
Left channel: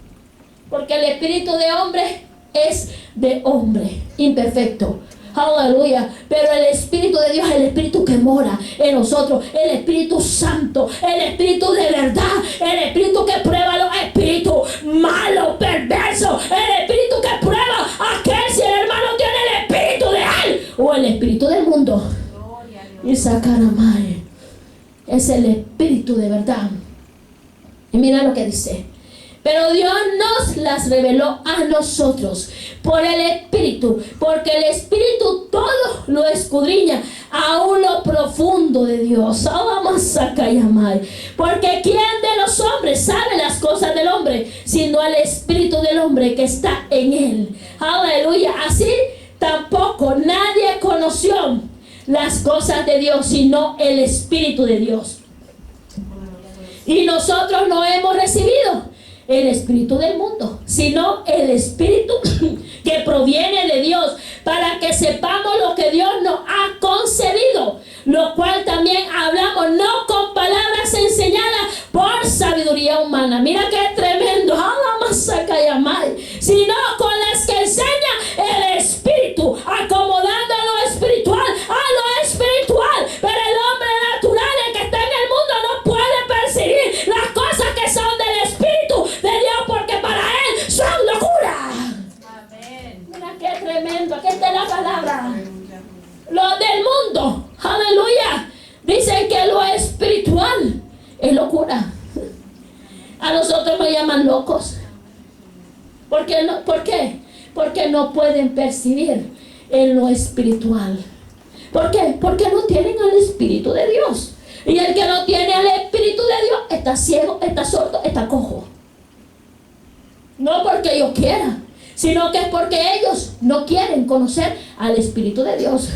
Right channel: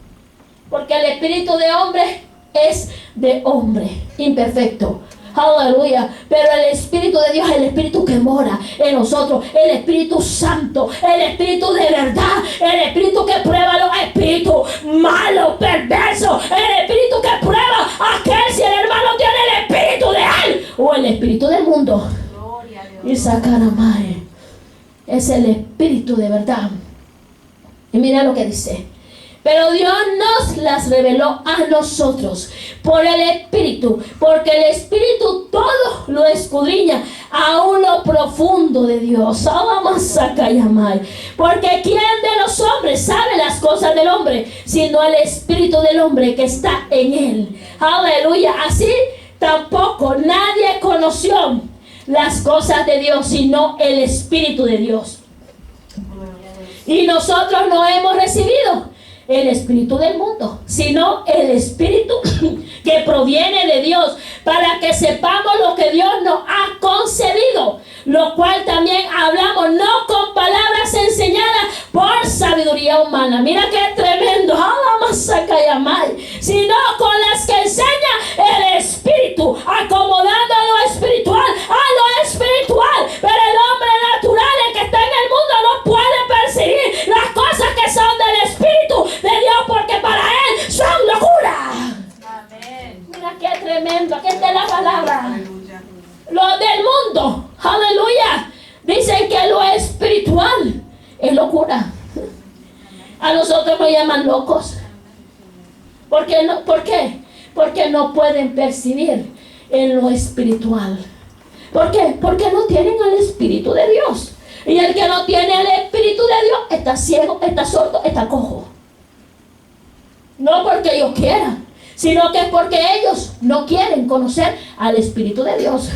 Porque el Espíritu de hombre es de hombre imperfecto. Aleluya. Pero el Espíritu de Dios es el Espíritu que mora en nosotros. El Espíritu Santo. El Espíritu de verdad. El Espíritu que prueba los espíritus malos, perversos. El Espíritu que prueba aquel si el hermano tiene el Espíritu de él o el Espíritu del mundo. Y Sacaramai es el Espíritu de verdad. Y mira lo que dice. Pero Dios nos las reveló a nosotros por el Espíritu, porque el Espíritu todo lo escudriña aún lo profundo de Dios. Porque ¿quién de los hombres sabe las cosas del hombre, sino el Espíritu del hombre que está en él? Aleluya. Así tampoco nadie conoció las cosas de Dios, sino el Espíritu de Dios. Y nosotros no hemos recibido el espíritu del mundo, sino el espíritu que proviene de Dios, para que sepamos lo que Dios nos ha concedido, lo cual también hablamos no con palabras enseñadas por sabiduría humana. Mira qué tremendo, sino con las que enseña el espíritu, acomodando lo espiritual a lo espiritual. Pero el hombre natural, el que está en el mundo, no puede percibir las cosas que son del espíritu de Dios, porque para él son locura. Amén. Mira qué tremendo, aquí está la palabra. Los del mundo, aleluya, dicen que lo espiritual es locura. A nosotros nos llaman locos. ¿Por qué? Porque no pueden percibir en lo espiritual. ¿Por qué? Porque no tienen el Espíritu de Dios. Y el que no tiene el Espíritu de Dios está ciego, está sordo, está cojo. No porque ellos quieran, sino que es porque ellos no quieren conocer al Espíritu de Dios.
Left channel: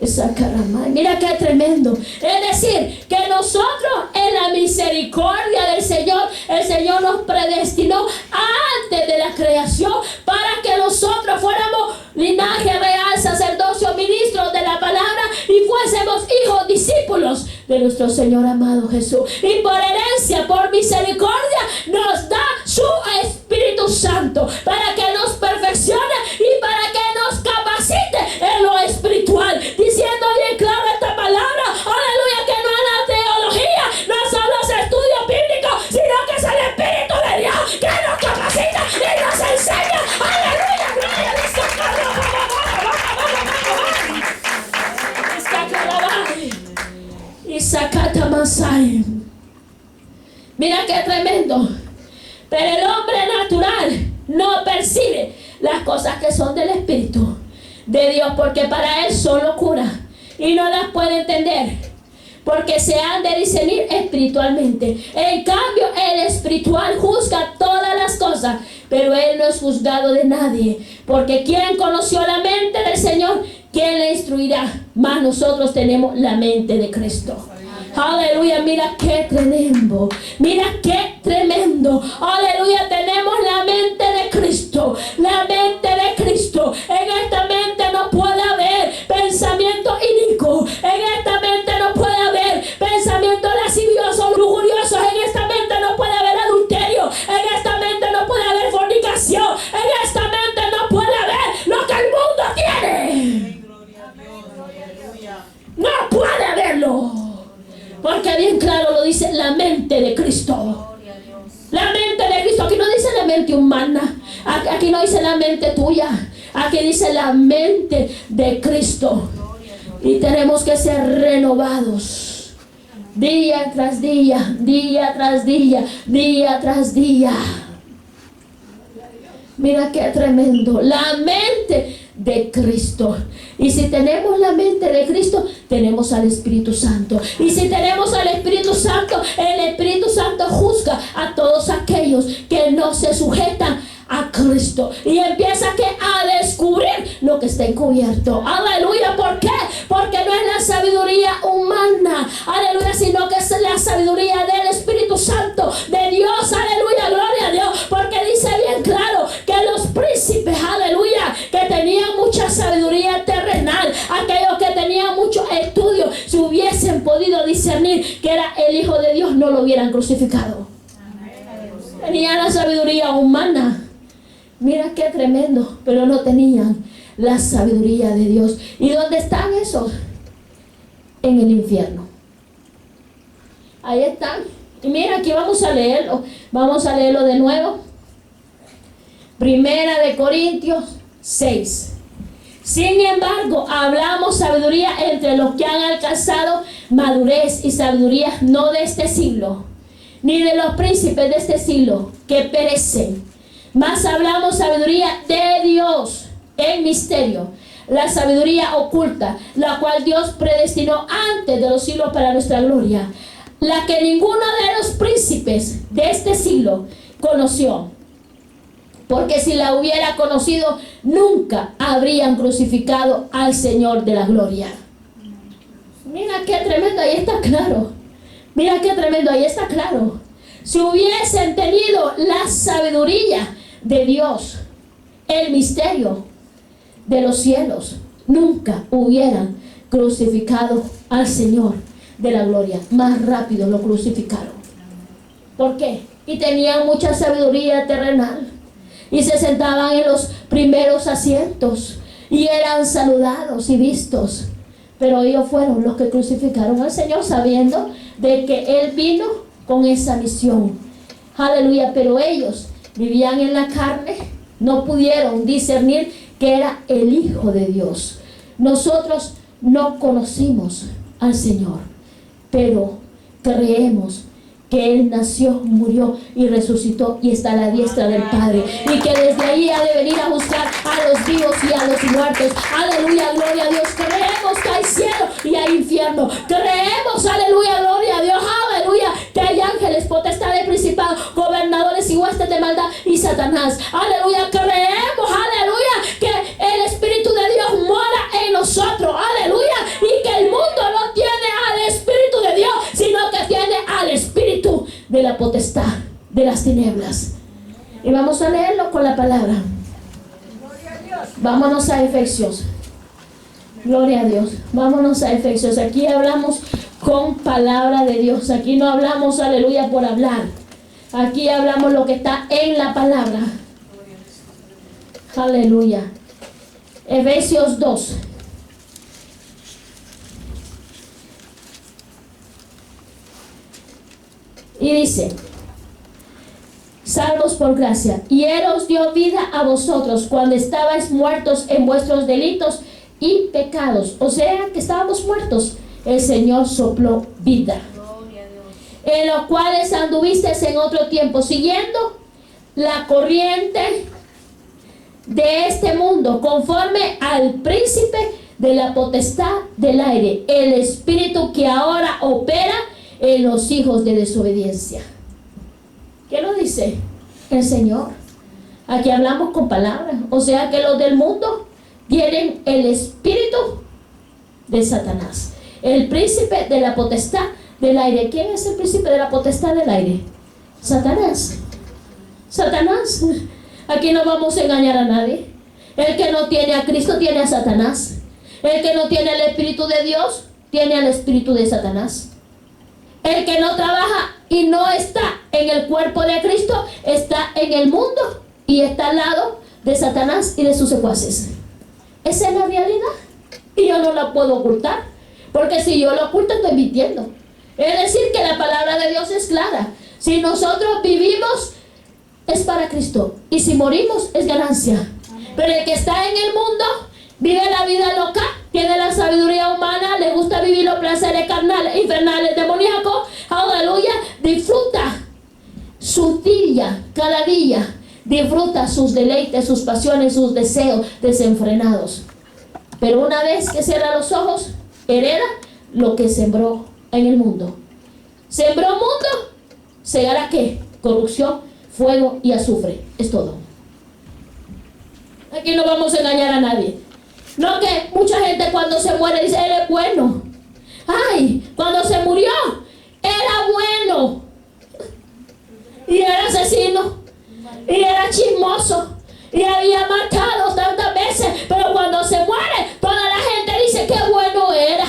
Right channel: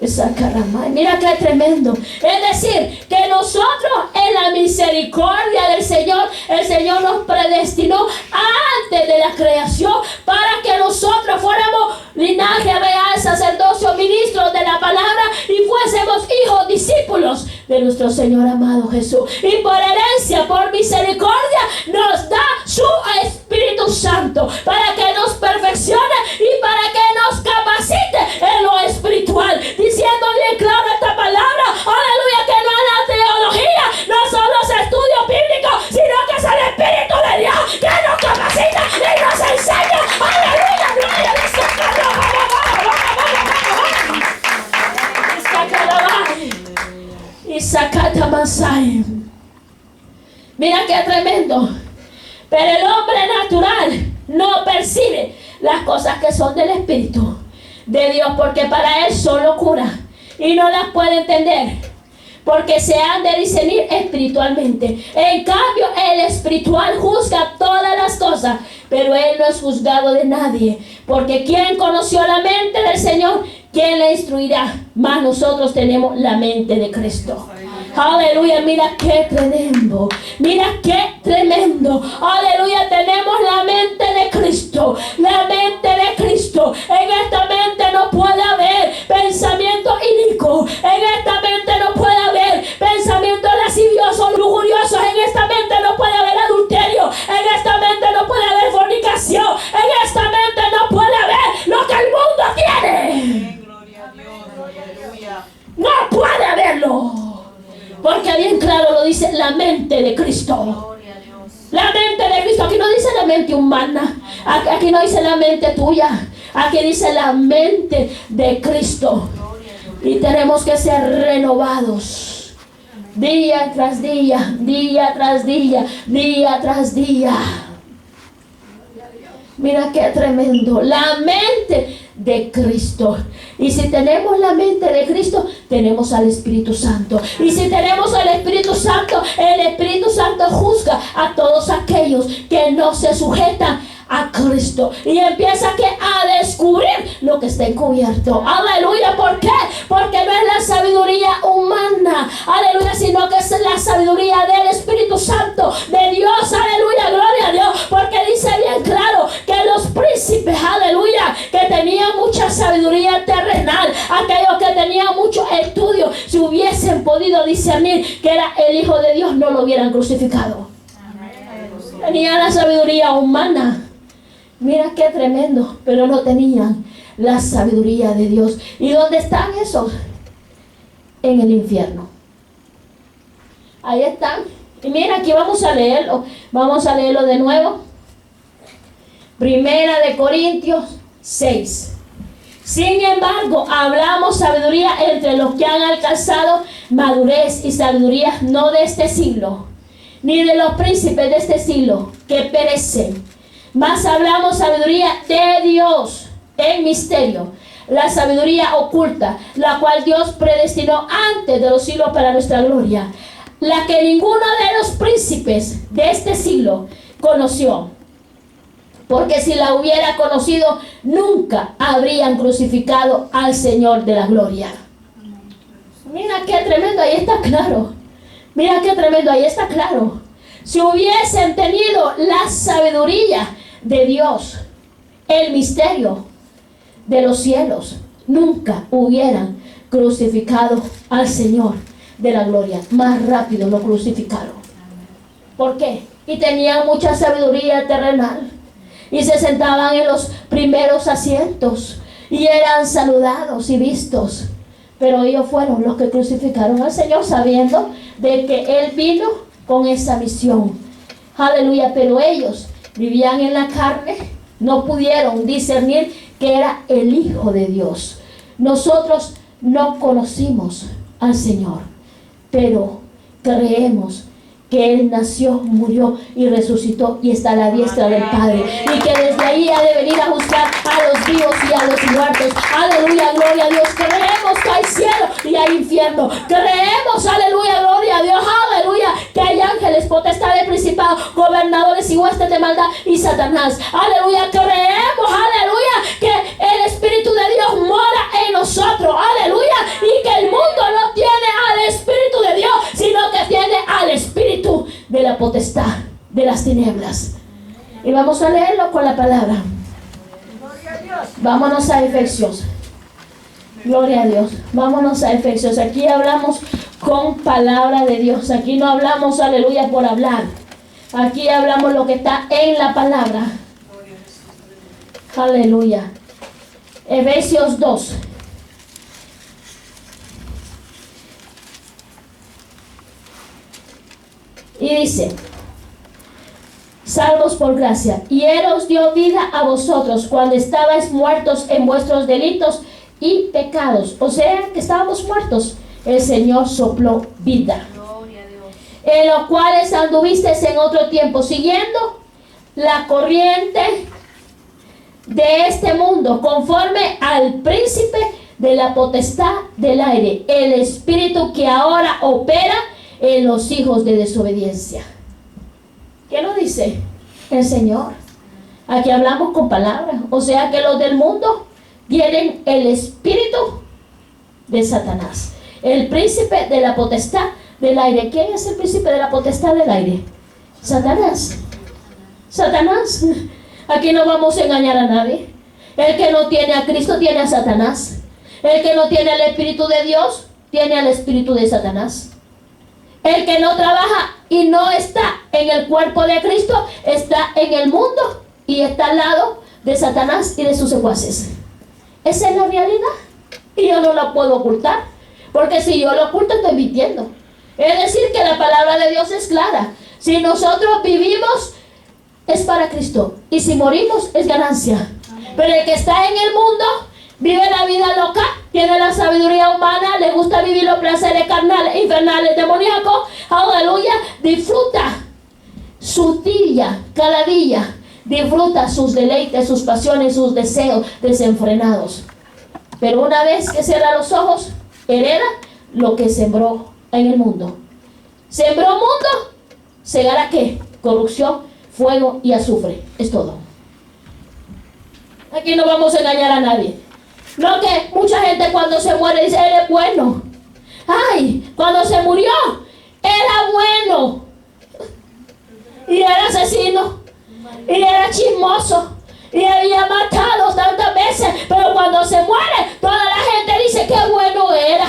Esa caramba, mira qué tremendo. Es decir, que nosotros en la misericordia del Señor, el Señor nos predestinó antes de la creación para que nosotros fuéramos linaje real, sacerdocio, ministros de la palabra y fuésemos hijos, discípulos de nuestro Señor amado Jesús. Y por herencia, por misericordia, nos da su Espíritu Santo para que nos perfeccione y para que nos capacite en lo espiritual. Diciendo bien claro esta palabra, aleluya, que no es la teología, no son los estudios bíblicos, sino que es el Espíritu de Dios que nos capacita y nos enseña. Aleluya, gloria a Dios. Y sacata Masai. Mira qué tremendo. Pero el hombre natural no percibe las cosas que son del Espíritu de Dios, porque para él son locura y no las puede entender, porque se han de discernir espiritualmente. En cambio, el espiritual juzga todas las cosas, pero él no es juzgado de nadie, porque ¿quién conoció la mente del Señor? ¿Quién le instruirá? Mas nosotros tenemos la mente de Cristo. Aleluya, mira qué tremendo, mira qué tremendo. Aleluya, tenemos la mente de Cristo, la mente de Cristo. En esta mente no puede haber pensamiento inicuo, en esta mente no puede haber pensamiento lascivioso, lujurioso, en esta mente no puede haber adulterio, en esta mente no puede haber fornicación, en esta mente no puede haber lo que el mundo tiene. No puede haberlo. Porque bien claro lo dice la mente de Cristo. La mente de Cristo. Aquí no dice la mente humana. Aquí no dice la mente tuya. Aquí dice la mente de Cristo. Y tenemos que ser renovados. Día tras día. Día tras día. Día tras día. Mira qué tremendo. La mente de Cristo. Y si tenemos la mente de Cristo, tenemos al Espíritu Santo. Y si tenemos al Espíritu Santo, el Espíritu Santo juzga a todos aquellos que no se sujetan a Cristo. Y empieza a descubrir lo que está encubierto. Aleluya. ¿Por qué? Porque no es la sabiduría humana. Aleluya. Sino que es la sabiduría del Espíritu Santo de Dios. Aleluya. Gloria a Dios. Porque dice bien claro que los príncipes, aleluya, que tenían mucha sabiduría terrenal, aquellos que tenían mucho estudio, si hubiesen podido discernir que era el Hijo de Dios, no lo hubieran crucificado. Tenían la sabiduría humana. Mira qué tremendo, pero no tenían la sabiduría de Dios. ¿Y dónde están esos? En el infierno. Ahí están. Y mira, aquí vamos a leerlo. Vamos a leerlo de nuevo. Primera de Corintios 6. Sin embargo, hablamos sabiduría entre los que han alcanzado madurez y sabiduría no de este siglo, ni de los príncipes de este siglo que perecen. Mas hablamos sabiduría de Dios en misterio, la sabiduría oculta, la cual Dios predestinó antes de los siglos para nuestra gloria, la que ninguno de los príncipes de este siglo conoció. Porque si la hubiera conocido, nunca habrían crucificado al Señor de la gloria. Mira qué tremendo, ahí está claro. Mira qué tremendo, ahí está claro. Si hubiesen tenido la sabiduría de Dios, el misterio de los cielos, nunca hubieran crucificado al Señor de la gloria. Más rápido lo crucificaron. ¿Por qué? Y tenían mucha sabiduría terrenal. Y se sentaban en los primeros asientos. Y eran saludados y vistos. Pero ellos fueron los que crucificaron al Señor, sabiendo de que Él vino con esa misión. Aleluya. Pero ellos vivían en la carne. No pudieron discernir que era el Hijo de Dios. Nosotros no conocimos al Señor, pero creemos que Él nació, murió y resucitó y está a la diestra del Padre, y que desde ahí ha de venir a juzgar a los vivos y a los muertos. Aleluya, gloria a Dios. Creemos que hay cielo y hay infierno. Creemos, aleluya, gloria a Dios, aleluya, que hay ángeles, potestades, principados, gobernadores y huestes de maldad y Satanás. Aleluya, creemos, aleluya, que el Espíritu de Dios mora en nosotros. Aleluya, y que el mundo no tiene al Espíritu de Dios, sino que tiene al Espíritu de la potestad de las tinieblas. Y vamos a leerlo con la palabra. Vámonos a Efesios. Gloria a Dios. Vámonos a Efesios. Aquí hablamos con palabra de Dios. Aquí no hablamos, aleluya, por hablar. Aquí hablamos lo que está en la palabra. Aleluya. Efesios 2. Y dice: salvos por gracia, y Él os dio vida a vosotros cuando estabais muertos en vuestros delitos y pecados. O sea que estábamos muertos. El Señor sopló vida. En los cuales anduvisteis en otro tiempo, siguiendo la corriente de este mundo, conforme al príncipe de la potestad del aire, el espíritu que ahora opera en los hijos de desobediencia. ¿Qué lo dice el Señor? Aquí hablamos con palabras. O sea que los del mundo tienen el espíritu de Satanás, el príncipe de la potestad del aire. ¿Quién es el príncipe de la potestad del aire? Satanás. Satanás. Aquí no vamos a engañar a nadie. El que no tiene a Cristo tiene a Satanás. El que no tiene el Espíritu de Dios tiene al espíritu de Satanás. El que no trabaja y no está en el cuerpo de Cristo está en el mundo y está al lado de Satanás y de sus secuaces. Esa es la realidad y yo no la puedo ocultar, porque si yo lo oculto estoy mintiendo. Es decir, que la palabra de Dios es clara. Si nosotros vivimos es para Cristo, y si morimos es ganancia. Pero el que está en el mundo vive la vida loca, tiene la sabiduría humana, le gusta vivir los placeres carnales, infernales, demoníacos. Aleluya, disfruta su día, cada día. Disfruta sus deleites, sus pasiones, sus deseos desenfrenados. Pero una vez que cierra los ojos, hereda lo que sembró en el mundo. Sembró mundo, segará ¿qué? Corrupción, fuego y azufre. Es todo. Aquí no vamos a engañar a nadie. No, que mucha gente cuando se muere dice, él es bueno. Ay, cuando se murió, era bueno. Y era asesino. Y era chismoso. Y había matado tantas veces. Pero cuando se muere, toda la gente dice que bueno era.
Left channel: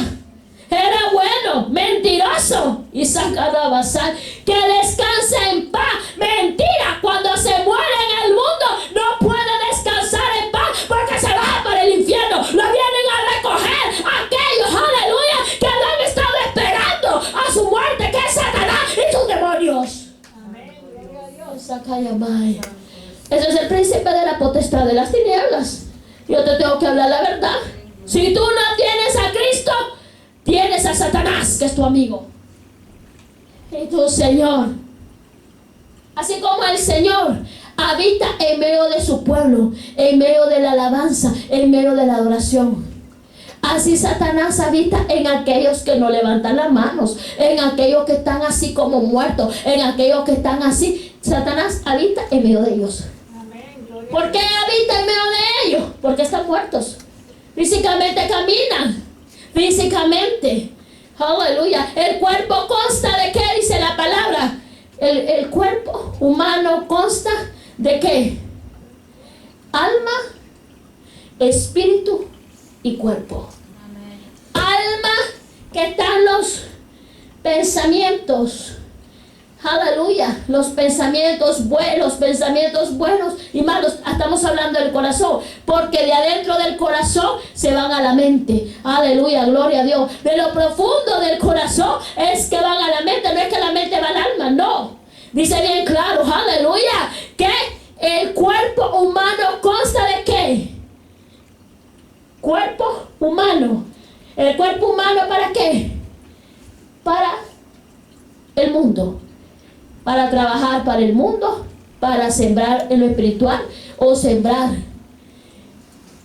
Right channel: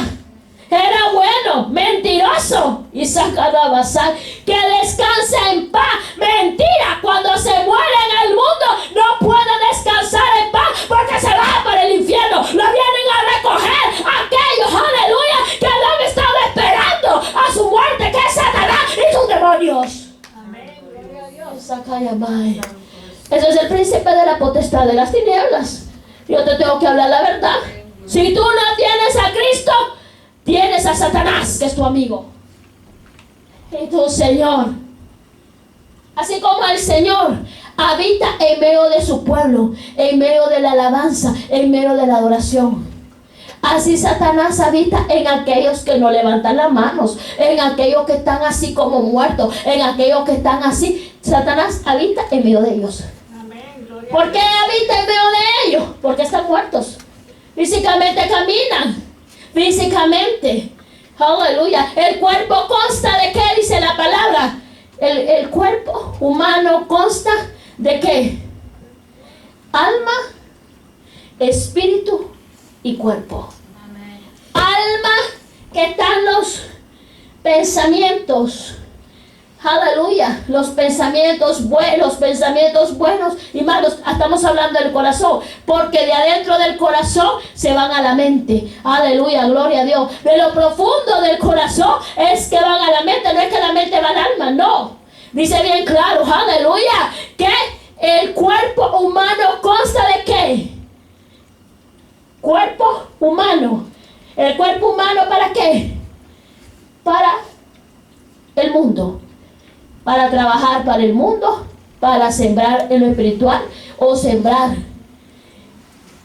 Era bueno, mentiroso. Y sacado a basar, que descanse en paz. Mentira, cuando se muere en el mundo, no puede descansar en paz porque se va para el infierno. Lo vienen a recoger aquellos, aleluya, que han estado esperando a su muerte, que es Satanás y sus demonios. Amén. Ese es el príncipe de la potestad de las tinieblas. Yo te tengo que hablar la verdad. Si tú no tienes a Cristo, tienes a Satanás, que es tu amigo. Y tu Señor, así como el Señor habita en medio de su pueblo, en medio de la alabanza, en medio de la adoración, así Satanás habita en aquellos que no levantan las manos, en aquellos que están así como muertos, en aquellos que están así. Satanás habita en medio de ellos. ¿Por qué habita en medio de ellos? Porque están muertos. Físicamente caminan. Físicamente, Aleluya. El cuerpo consta de qué, dice la palabra. El cuerpo humano consta de qué. Alma, espíritu y cuerpo. Amén. Alma, que están los pensamientos. Aleluya, los pensamientos buenos y malos. Estamos hablando del corazón, porque de adentro del corazón se van a la mente. Aleluya, gloria a Dios. De lo profundo del corazón es que van a la mente, no es que la mente va al alma, no. Dice bien claro, aleluya, que el cuerpo humano consta de qué. Cuerpo humano. El cuerpo humano, ¿para qué? Para el mundo. Para trabajar para el mundo, para sembrar en lo espiritual o sembrar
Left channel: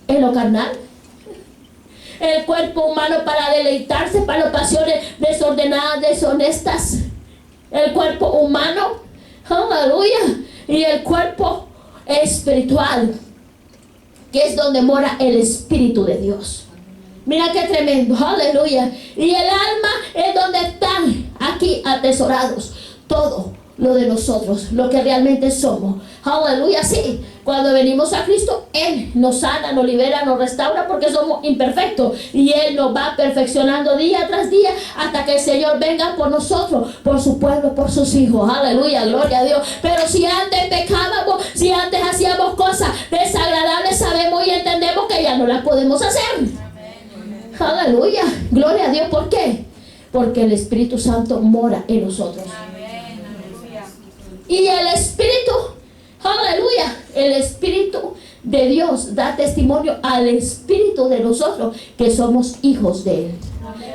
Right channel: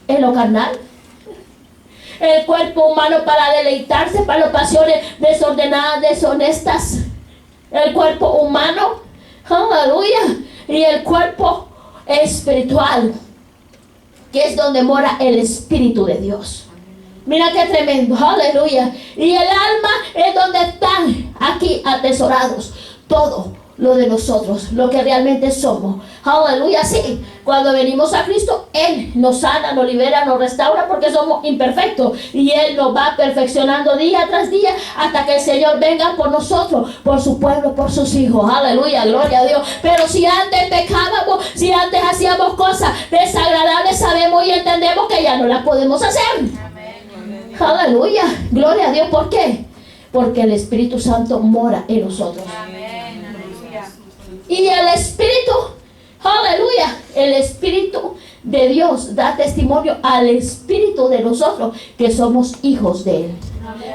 en lo carnal. El cuerpo humano para deleitarse, para las pasiones desordenadas, deshonestas. El cuerpo humano, aleluya, y el cuerpo espiritual, que es donde mora el Espíritu de Dios. Mira qué tremendo, aleluya. Y el alma es donde están aquí atesorados todo lo de nosotros, lo que realmente somos. Aleluya, sí. Cuando venimos a Cristo, Él nos sana, nos libera, nos restaura, porque somos imperfectos. Y Él nos va perfeccionando día tras día hasta que el Señor venga por nosotros, por su pueblo, por sus hijos. Aleluya, gloria a Dios. Pero si antes pecábamos, si antes hacíamos cosas desagradables, sabemos y entendemos que ya no las podemos hacer. Amén. Aleluya, gloria a Dios. ¿Por qué? Porque el Espíritu Santo mora en nosotros. Amén. Aleluya. Y el Espíritu, aleluya, el Espíritu de Dios da testimonio al Espíritu de nosotros que somos hijos de Él.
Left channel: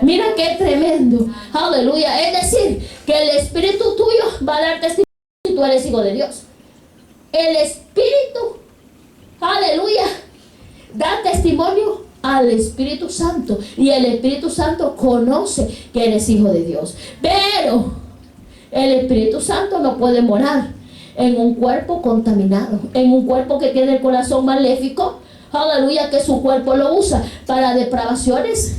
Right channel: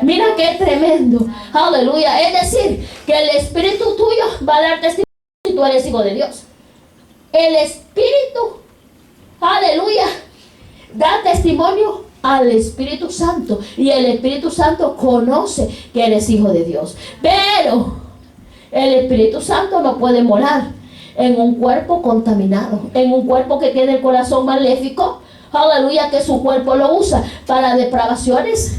Mira qué tremendo, aleluya. Es decir, que el Espíritu tuyo va a dar testimonio si tú eres hijo de Dios. El Espíritu, aleluya, da testimonio al Espíritu Santo, y el Espíritu Santo conoce que eres hijo de Dios. Pero el Espíritu Santo no puede morar en un cuerpo contaminado, en un cuerpo que tiene el corazón maléfico, aleluya, que su cuerpo lo usa para depravaciones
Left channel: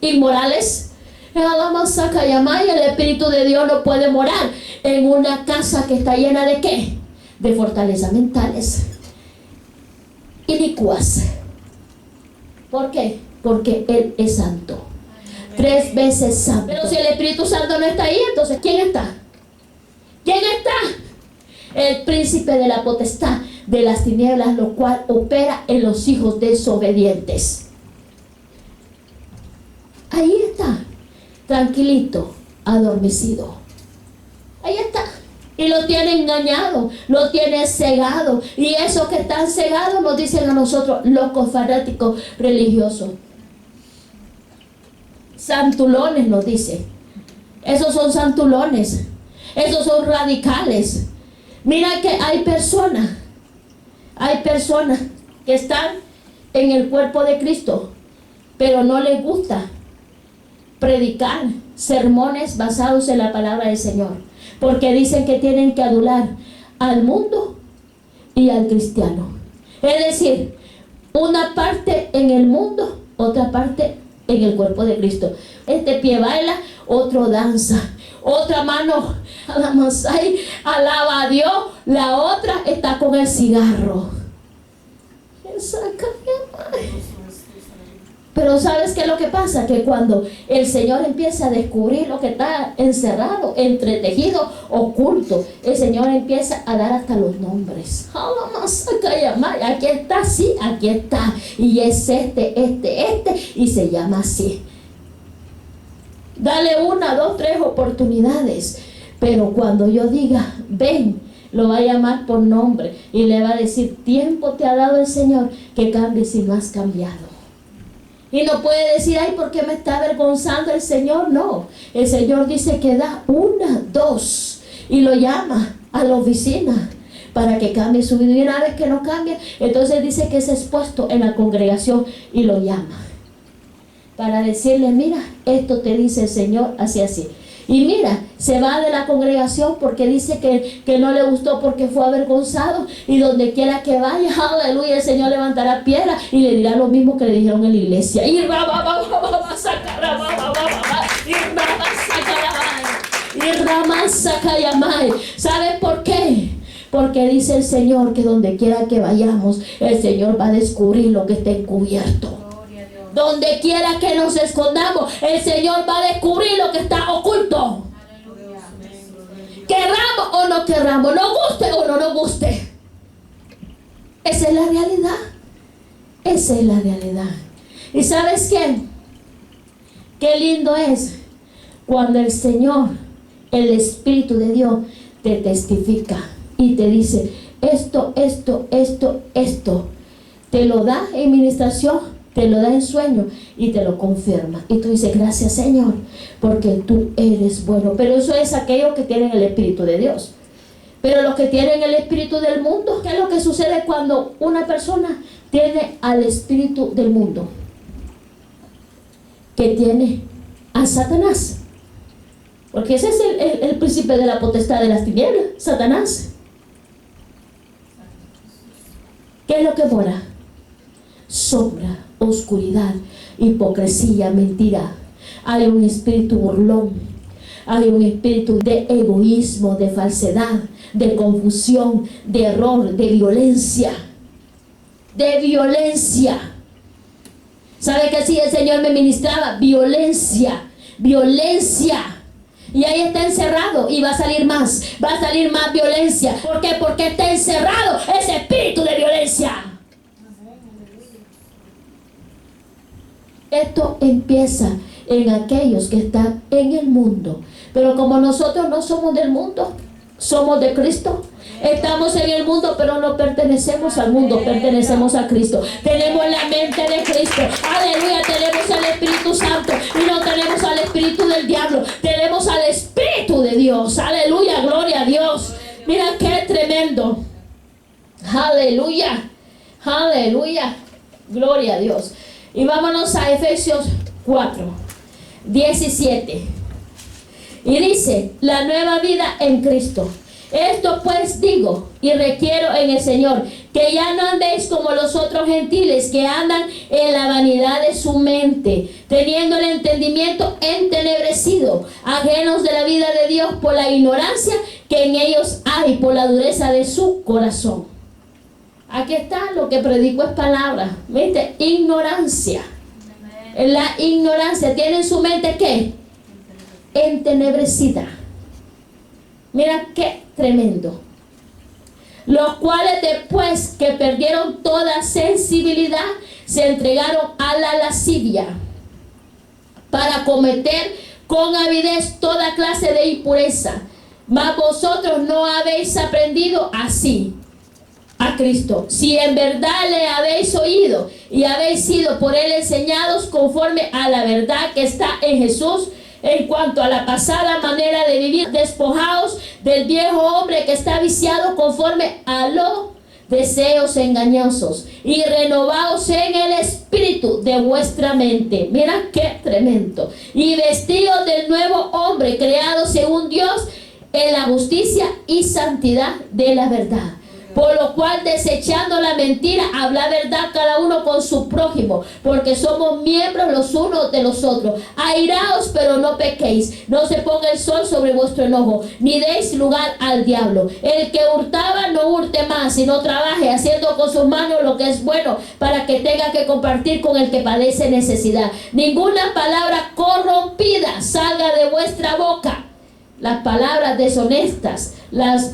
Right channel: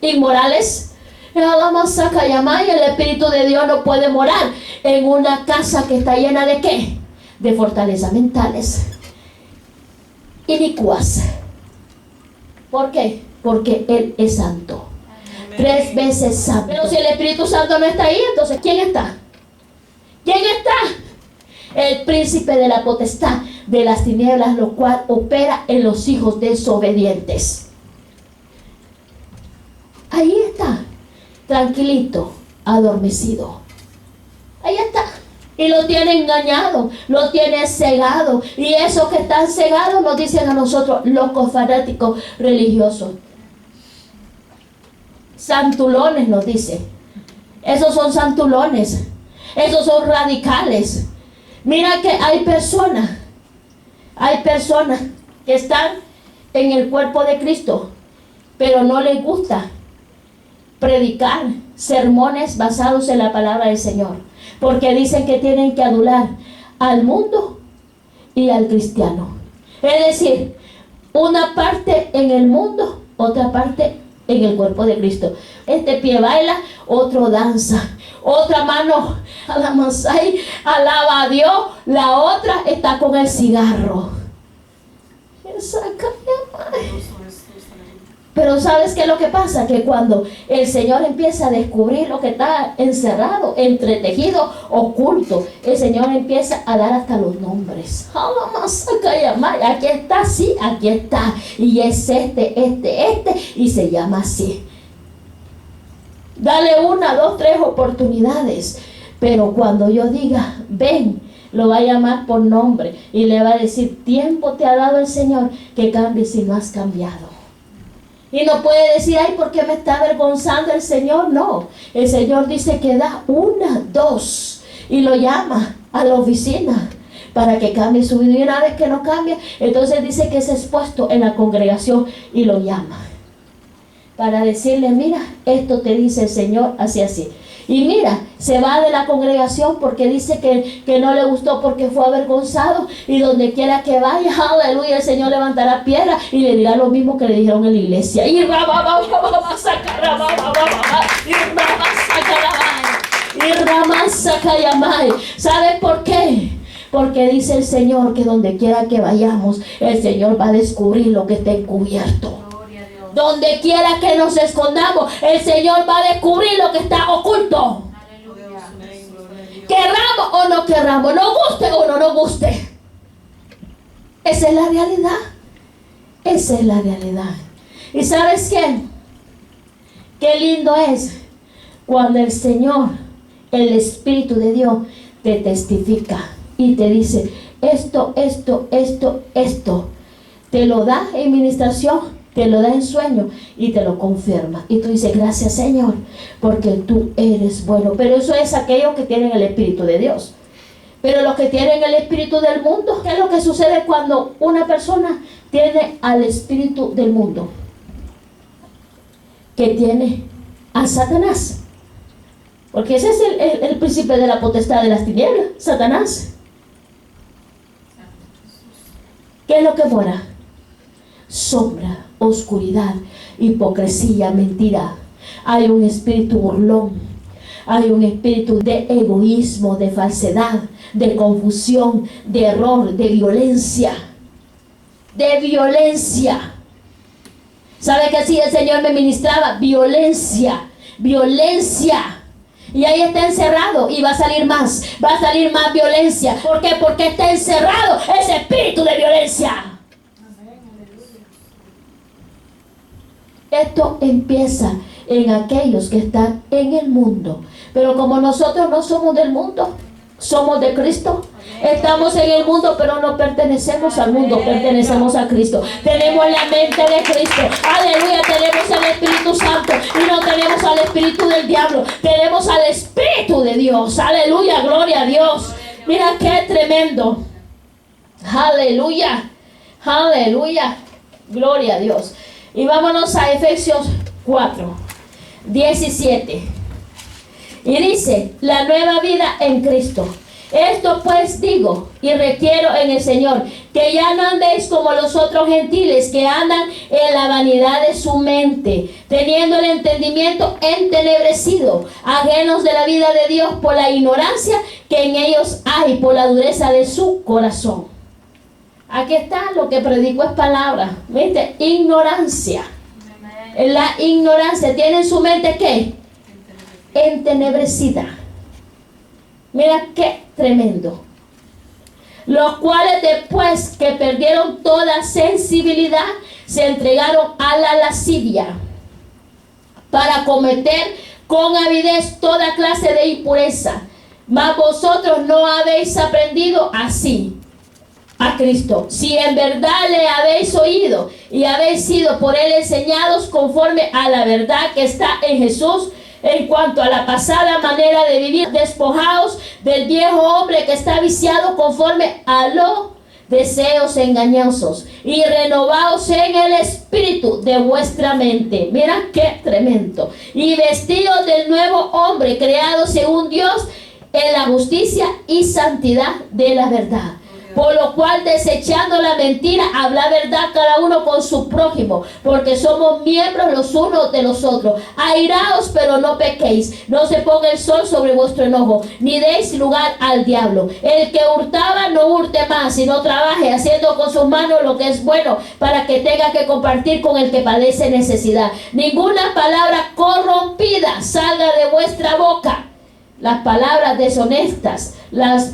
inmorales. Y el Espíritu de Dios no puede morar en una casa que está llena de ¿qué? De fortalezas mentales inicuas. ¿Por qué? Porque Él es santo. 3 veces santo. Pero si el Espíritu Santo no está ahí, entonces ¿quién está? ¿Quién está? El príncipe de la potestad de las tinieblas, lo cual opera en los hijos desobedientes. Ahí está, tranquilito, adormecido. Ahí está. Y lo tiene engañado, lo tiene cegado. Y esos que están cegados nos dicen a nosotros, locos, fanáticos, religiosos. Santulones nos dice. Esos son santulones. Esos son radicales. Mira que hay personas que están en el cuerpo de Cristo, pero no les gusta predicar sermones basados en la palabra del Señor, porque dicen que tienen que adular al mundo y al cristiano. Es decir, una parte en el mundo, otra parte en el cuerpo de Cristo. Este pie baila, otro danza, otra mano alaba a Dios, la otra está con el cigarro. Pero ¿sabes qué es lo que pasa? Que cuando el Señor empieza a descubrir lo que está encerrado, entretejido, oculto, el Señor empieza a dar hasta los nombres. Aquí está, sí, aquí está. Y es y se llama así. Dale 1, 2, 3 oportunidades. Pero cuando yo diga, ven, lo va a llamar por nombre y le va a decir, tiempo te ha dado el Señor que cambies si no has cambiado. Y no puede decir, ay, ¿por qué me está avergonzando el Señor? No, el Señor dice que da 1, 2 y lo llama a la oficina para que cambie su vida. Y una vez que no cambia, entonces dice que es expuesto en la congregación y lo llama para decirle, mira, esto te dice el Señor, así, así. Y mira, se va de la congregación porque dice que no le gustó, porque fue avergonzado. Y donde quiera que vaya, aleluya, el Señor levantará piedra y le dirá lo mismo que le dijeron en la iglesia. Y ¿Sabe por qué? Porque dice el Señor que donde quiera que vayamos, el Señor va a descubrir lo que está encubierto. Donde quiera que nos escondamos, el Señor va a descubrir lo que está oculto. Querramos o no querramos, nos guste o no nos guste. Esa es la realidad. Esa es la realidad. ¿Y sabes qué? Qué lindo es cuando el Señor, el Espíritu de Dios, te testifica y te dice esto. Te lo da en ministración, te lo da en sueño y te lo confirma. Y tú dices, gracias Señor, porque tú eres bueno. Pero eso es aquellos que tienen el Espíritu de Dios. Pero los que tienen el espíritu del mundo, ¿qué es lo que sucede cuando una persona tiene al espíritu del mundo? Que tiene a Satanás. Porque ese es el príncipe de la potestad de las tinieblas, Satanás. ¿Qué es lo que mora? Sombra, oscuridad, hipocresía, mentira. Hay un espíritu burlón. Hay un espíritu de egoísmo, de falsedad, de confusión, de error, de violencia. De violencia. ¿Sabe que así el Señor me ministraba? Violencia, violencia. Y ahí está encerrado y va a salir más violencia. ¿Por qué? Porque está encerrado ese espíritu de violencia. Esto empieza en aquellos que están en el mundo. Pero como nosotros no somos del mundo, somos de Cristo. Estamos en el mundo, pero no pertenecemos al mundo, pertenecemos a Cristo. Tenemos la mente de Cristo. Aleluya, tenemos el Espíritu Santo y no tenemos al espíritu del diablo. Tenemos al Espíritu de Dios. Aleluya, gloria a Dios. Mira qué tremendo. Aleluya, aleluya, gloria a Dios. Y vámonos a Efesios 4:17. Y dice, la nueva vida en Cristo. Esto pues digo y requiero en el Señor, que ya no andéis como los otros gentiles que andan en la vanidad de su mente, teniendo el entendimiento entenebrecido, ajenos de la vida de Dios por la ignorancia que en ellos hay, por la dureza de su corazón. Aquí está, lo que predico es palabra. ¿Viste? Ignorancia. La ignorancia tiene en su mente ¿qué? Entenebrecida. Mira qué tremendo. Los cuales después que perdieron toda sensibilidad, se entregaron a la lascivia para cometer con avidez toda clase de impureza. Mas vosotros no habéis aprendido así a Cristo, si en verdad le habéis oído y habéis sido por él enseñados conforme a la verdad que está en Jesús. En cuanto a la pasada manera de vivir, despojaos del viejo hombre que está viciado conforme a los deseos engañosos y renovaos en el espíritu de vuestra mente. Mira qué tremendo. Y vestidos del nuevo hombre creado según Dios en la justicia y santidad de la verdad. Por lo cual, desechando la mentira, habla verdad cada uno con su prójimo, porque somos miembros los unos de los otros. Airaos, pero no pequéis. No se ponga el sol sobre vuestro enojo, ni deis lugar al diablo. El que hurtaba, no hurte más, sino trabaje, haciendo con sus manos lo que es bueno, para que tenga que compartir con el que padece necesidad. Ninguna palabra corrompida salga de vuestra boca. Las palabras deshonestas, las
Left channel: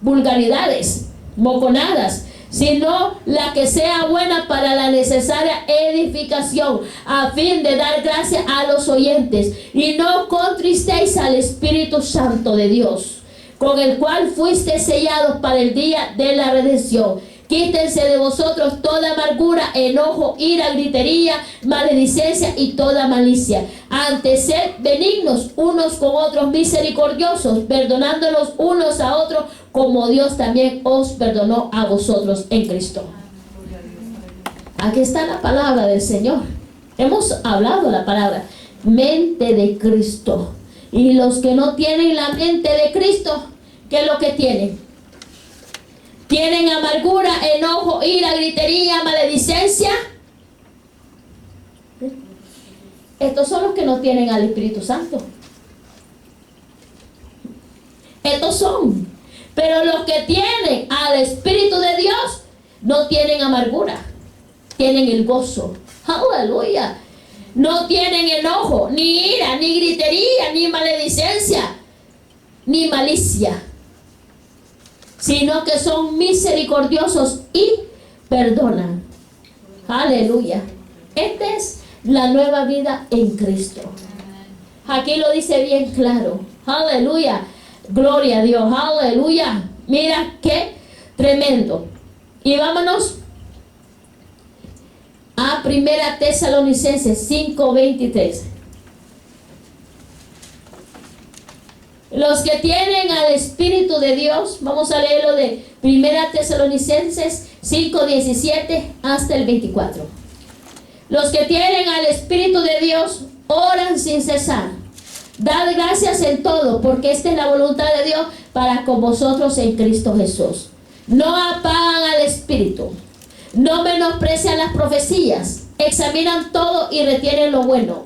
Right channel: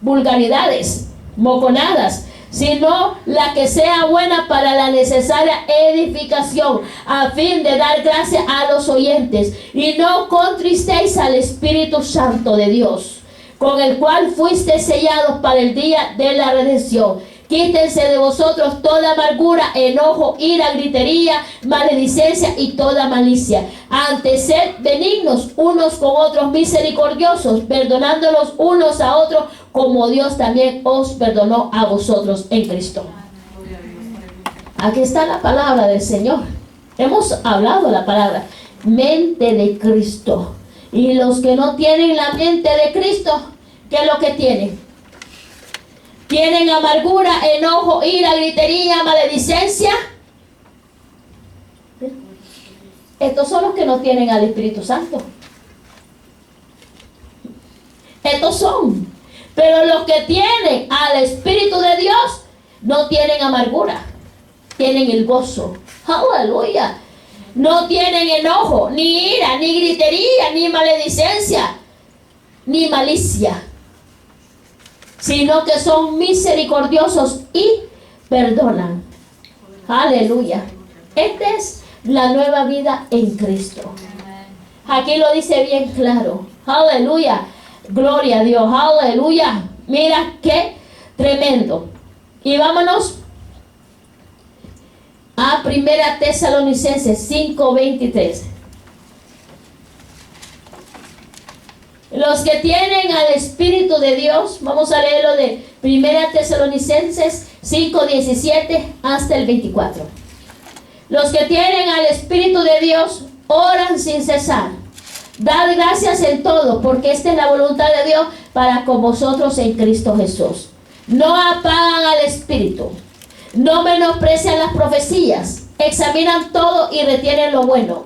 vulgaridades, moconadas, sino la que sea buena para la necesaria edificación, a fin de dar gracia a los oyentes. Y no contristéis al Espíritu Santo de Dios, con el cual fuisteis sellados para el día de la redención. Quítense de vosotros toda amargura, enojo, ira, gritería, maledicencia y toda malicia. Antes sed benignos unos con otros, misericordiosos, perdonándolos unos a otros, como Dios también os perdonó a vosotros en Cristo. Aquí está la palabra del Señor. Hemos hablado la palabra mente de Cristo. Y los que no tienen la mente de Cristo, ¿qué es lo que tienen? Tienen amargura, enojo, ira, gritería, maledicencia. Estos son los que no tienen al Espíritu Santo. Estos son. Pero los que tienen al Espíritu de Dios no tienen amargura, tienen el gozo. Aleluya. No tienen enojo, ni ira, ni gritería, ni maledicencia, ni malicia, sino que son misericordiosos y perdonan. Aleluya. Esta es la nueva vida en Cristo. Aquí lo dice bien claro. Aleluya. Gloria a Dios. Aleluya. Mira qué tremendo. Y vámonos a 1 Tesalonicenses 5:23. Los que tienen al Espíritu de Dios, vamos a leerlo de 1 Tesalonicenses 5:17 hasta el 24. Los que tienen al Espíritu de Dios oran sin cesar. Dad gracias en todo, porque esta es la voluntad de Dios para con vosotros en Cristo Jesús. No apagan al Espíritu, no menosprecian las profecías, examinan todo y retienen lo bueno.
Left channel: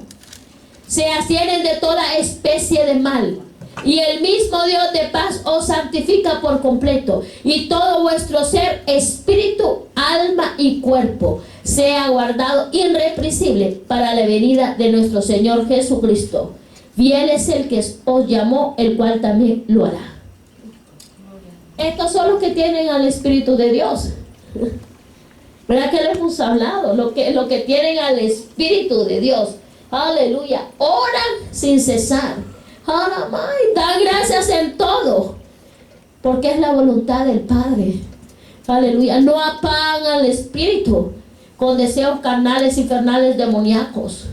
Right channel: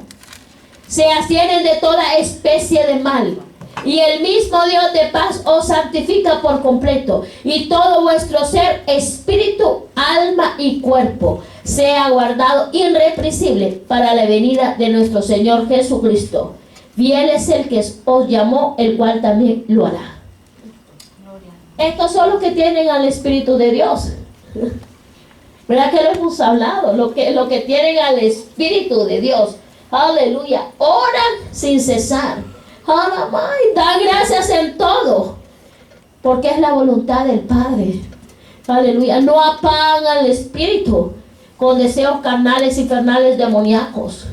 Se abstienen de toda especie de mal. Y el mismo Dios de paz os santifica por completo, y todo vuestro ser, espíritu, alma y cuerpo, sea guardado irreprensible para la venida de nuestro Señor Jesucristo. Fiel es el que os llamó, el cual también lo hará. Estos son los que tienen al Espíritu de Dios. ¿Verdad que lo hemos hablado? Lo que tienen al Espíritu de Dios. Aleluya. Oran sin cesar. Dan gracias en todo, porque es la voluntad del Padre. Aleluya. No apagan al Espíritu con deseos carnales y infernales demoníacos.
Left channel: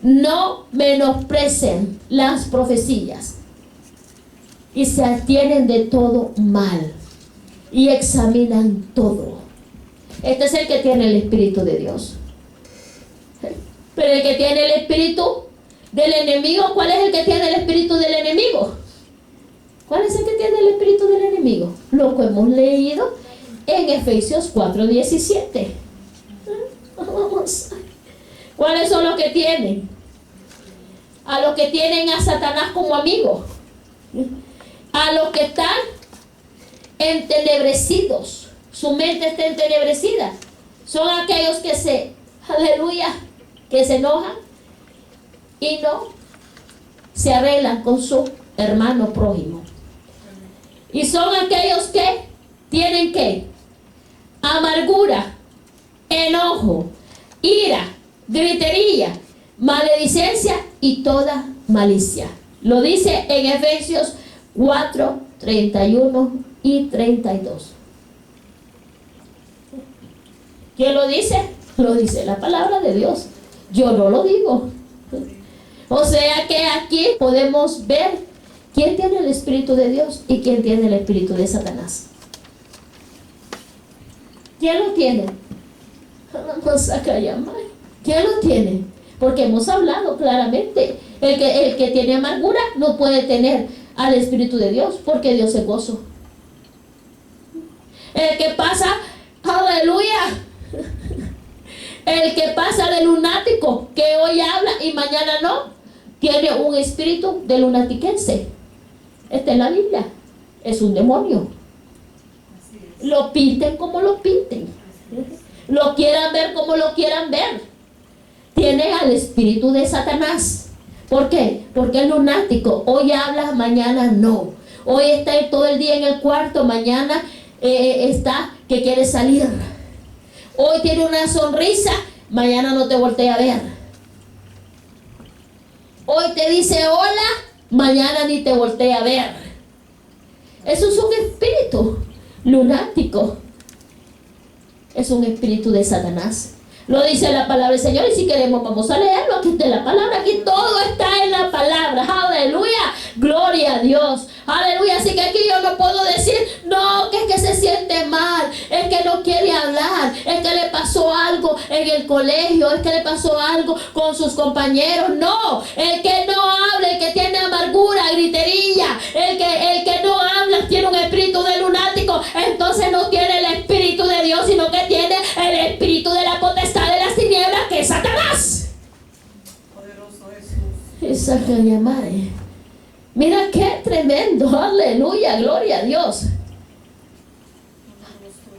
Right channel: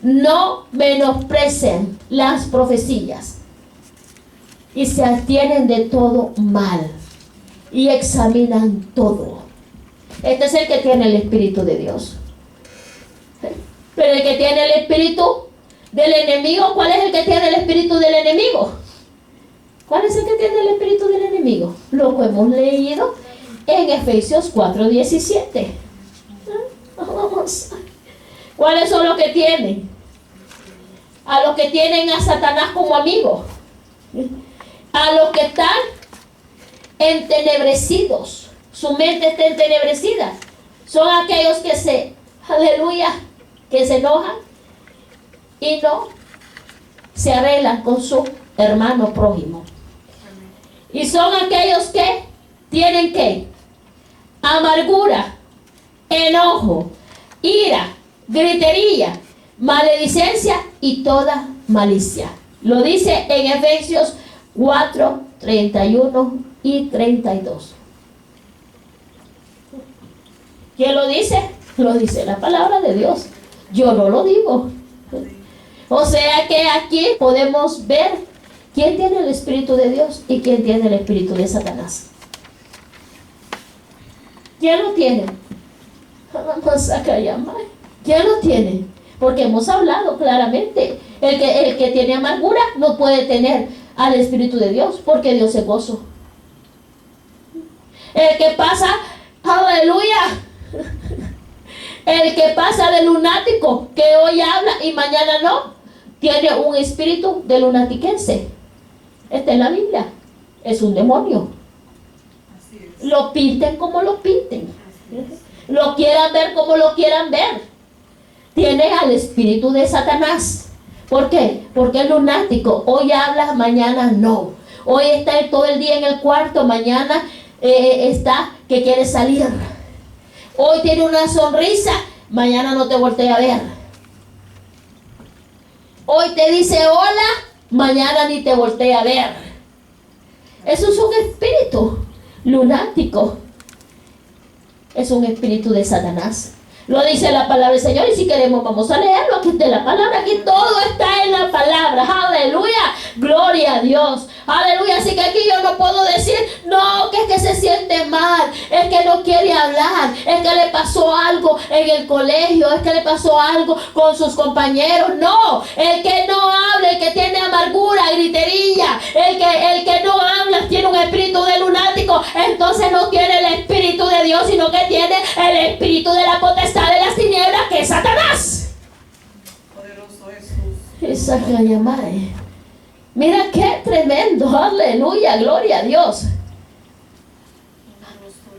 No menosprecien las profecías y se abstienen de todo mal y examinan todo. Este es el que tiene el Espíritu de Dios. Pero el que tiene el Espíritu del enemigo, ¿cuál es el que tiene el espíritu del enemigo? ¿Cuál es el que tiene el espíritu del enemigo? Lo que hemos leído en Efesios 4:17. ¿Cuáles son los que tienen? A los que tienen a Satanás como amigo, a los que están entenebrecidos, su mente está entenebrecida, son aquellos que que se enojan y no se arreglan con su hermano prójimo. Y son aquellos que tienen amargura, enojo, ira, gritería, maledicencia y toda malicia. Lo dice en Efesios 4:31 y 32. ¿Quién lo dice? Lo dice la palabra de Dios. Yo no lo digo. O sea que aquí podemos ver quién tiene el Espíritu de Dios y quién tiene el Espíritu de Satanás. ¿Quién lo tiene? ¿Quién lo tiene? Porque hemos hablado claramente. El que tiene amargura no puede tener al Espíritu de Dios, porque Dios es gozo. El que pasa, aleluya, el que pasa de lunático, que hoy habla y mañana no, tiene un espíritu de lunatiquense. Está en la Biblia. Es un demonio. Lo pinten como lo pinten, lo quieran ver como lo quieran ver. Tiene al espíritu de Satanás. ¿Por qué? Porque es lunático. Hoy habla, mañana no. Hoy está todo el día en el cuarto, mañana está que quiere salir. Hoy tiene una sonrisa, mañana no te voltea a ver. Hoy te dice hola, mañana ni te voltea a ver. Eso es un espíritu lunático. Es un espíritu de Satanás. Lo dice la palabra del Señor, y si queremos vamos a leerlo. Aquí está la palabra, aquí todo está en la palabra. Aleluya, gloria a Dios. Aleluya, así que aquí yo no puedo decir, no, que es que se siente mal, es que no quiere hablar, es que le pasó algo en el colegio, es que le pasó algo con sus compañeros. No, el que no habla, el que tiene amargura, gritería, el que no habla tiene un espíritu de lunático, entonces no tiene el Espíritu de Dios, sino que tiene el espíritu de la potestad de las tinieblas, que es Satanás. Poderoso Jesús. Esa que llamar. Mira qué tremendo, aleluya, gloria a Dios.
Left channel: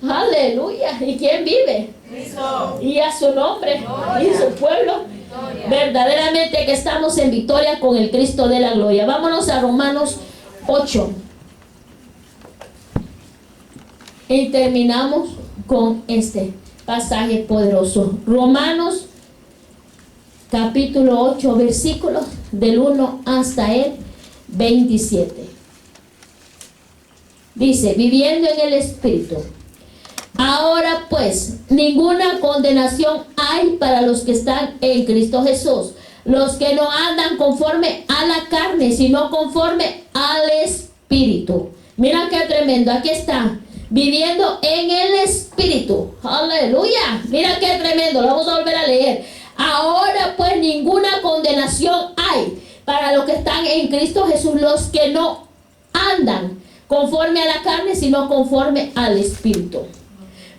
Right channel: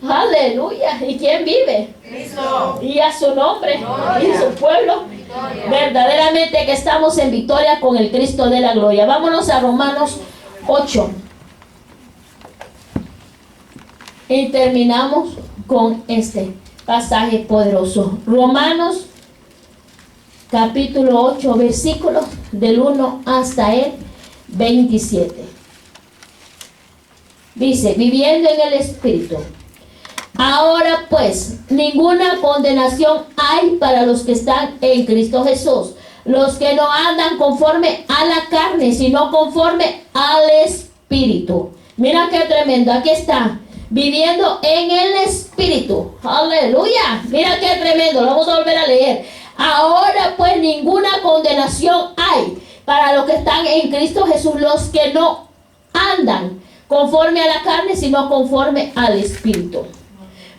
Aleluya. ¿Y quién vive? Cristo. Y a su nombre, Gloria. y su pueblo. Victoria. Verdaderamente que estamos en victoria con el Cristo de la gloria. Vámonos a Romanos 8. Y terminamos con este pasaje poderoso. Romanos capítulo 8, versículos del 1 hasta el 27. Dice, viviendo en el Espíritu. Ahora pues, ninguna condenación hay para los que están en Cristo Jesús, los que no andan conforme a la carne, sino conforme al Espíritu. Mira qué tremendo, aquí está, viviendo en el Espíritu. Aleluya, mira qué tremendo, lo vamos a volver a leer. Ahora pues, ninguna condenación hay para los que están en Cristo Jesús, los que no andan conforme a la carne, sino conforme al Espíritu.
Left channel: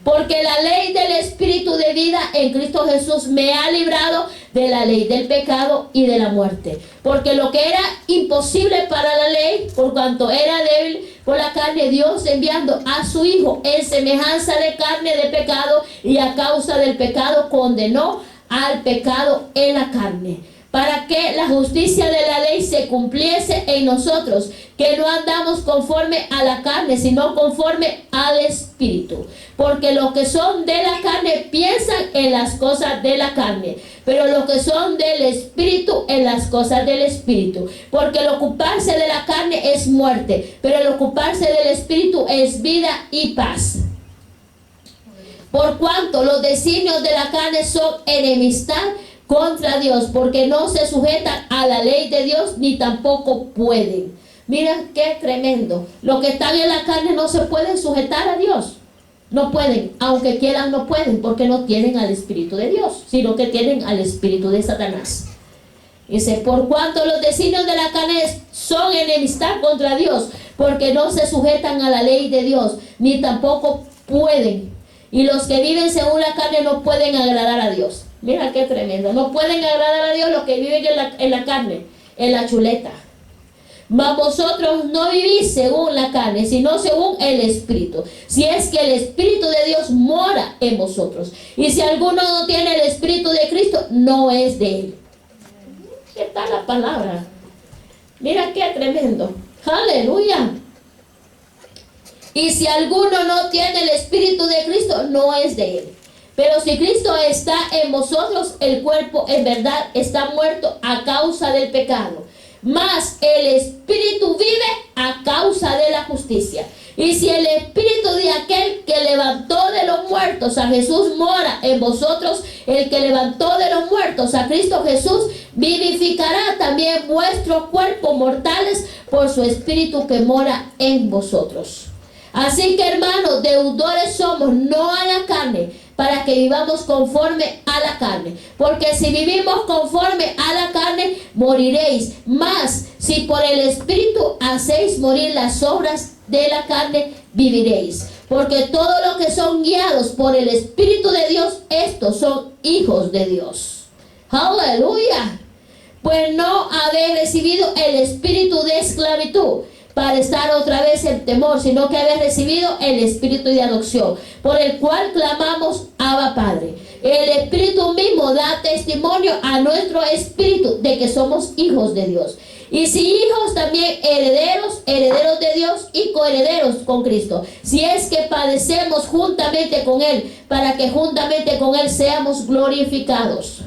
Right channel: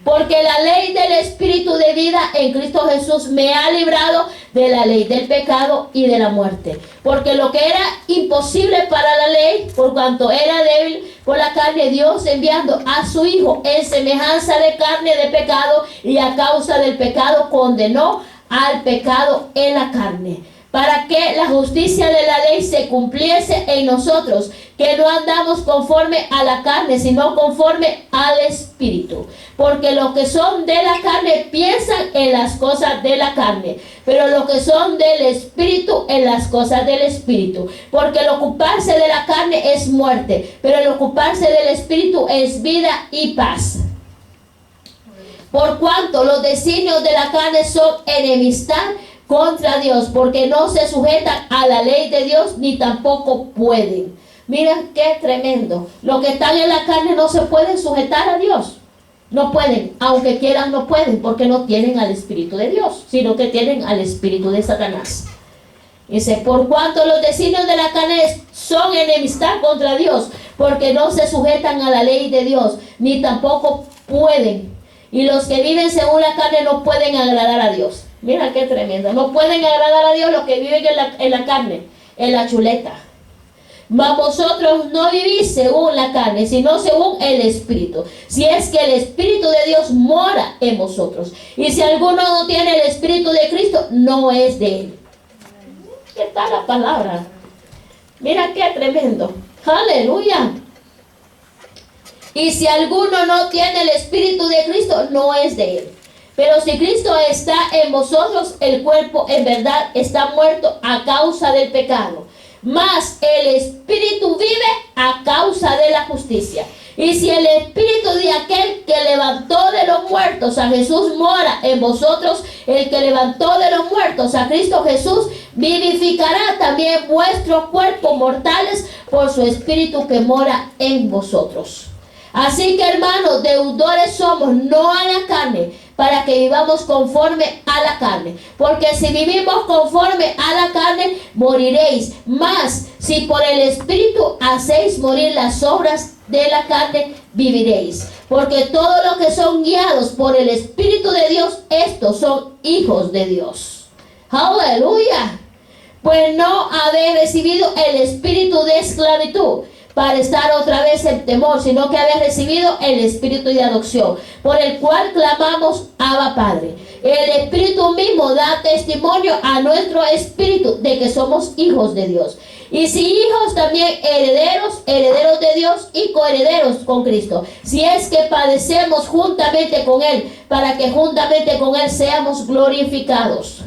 Porque la ley del Espíritu de vida en Cristo Jesús me ha librado de la ley del pecado y de la muerte. Porque lo que era imposible para la ley, por cuanto era débil por la carne, Dios enviando a su Hijo en semejanza de carne de pecado, y a causa del pecado condenó al pecado en la carne, para que la justicia de la ley se cumpliese en nosotros, que no andamos conforme a la carne, sino conforme al Espíritu. Porque los que son de la carne piensan en las cosas de la carne, pero los que son del Espíritu en las cosas del Espíritu. Porque el ocuparse de la carne es muerte, pero el ocuparse del Espíritu es vida y paz. Por cuanto los designios de la carne son enemistad contra Dios, porque no se sujetan a la ley de Dios, ni tampoco pueden. Miren qué tremendo. Los que están en la carne no se pueden sujetar a Dios. No pueden, aunque quieran no pueden, porque no tienen al Espíritu de Dios, sino que tienen al Espíritu de Satanás. Dice, por cuanto los designios de la carne son enemistad contra Dios, porque no se sujetan a la ley de Dios, ni tampoco pueden. Y los que viven según la carne no pueden agradar a Dios. Mira qué tremendo. No pueden agradar a Dios los que viven en la carne, en la chuleta. Mas vosotros no vivís según la carne, sino según el Espíritu. Si es que el Espíritu de Dios mora en vosotros. Y si alguno no tiene el Espíritu de Cristo, no es de él. ¿Qué tal la palabra? Mira qué tremendo. Aleluya. Y si alguno no tiene el Espíritu de Cristo, no es de él. Pero si Cristo está en vosotros, el cuerpo en verdad está muerto a causa del pecado, mas el Espíritu vive a causa de la justicia. Y si el Espíritu de aquel que levantó de los muertos a Jesús mora en vosotros, el que levantó de los muertos a Cristo Jesús vivificará también vuestros cuerpos mortales por su Espíritu que mora en vosotros. Así que, hermanos, deudores somos, no a la carne, para que vivamos conforme a la carne. Porque si vivimos conforme a la carne, moriréis. Mas si por el Espíritu hacéis morir las obras de la carne, viviréis. Porque todos los que son guiados por el Espíritu de Dios, estos son hijos de Dios. ¡Aleluya! Pues no habéis recibido el espíritu de esclavitud para estar otra vez en temor, sino que habéis recibido el espíritu de adopción, por el cual clamamos Abba Padre. El Espíritu mismo da testimonio a nuestro espíritu de que somos hijos de Dios. Y si hijos, también herederos, herederos de Dios y coherederos con Cristo. Si es que padecemos juntamente con Él, para que juntamente con Él seamos glorificados.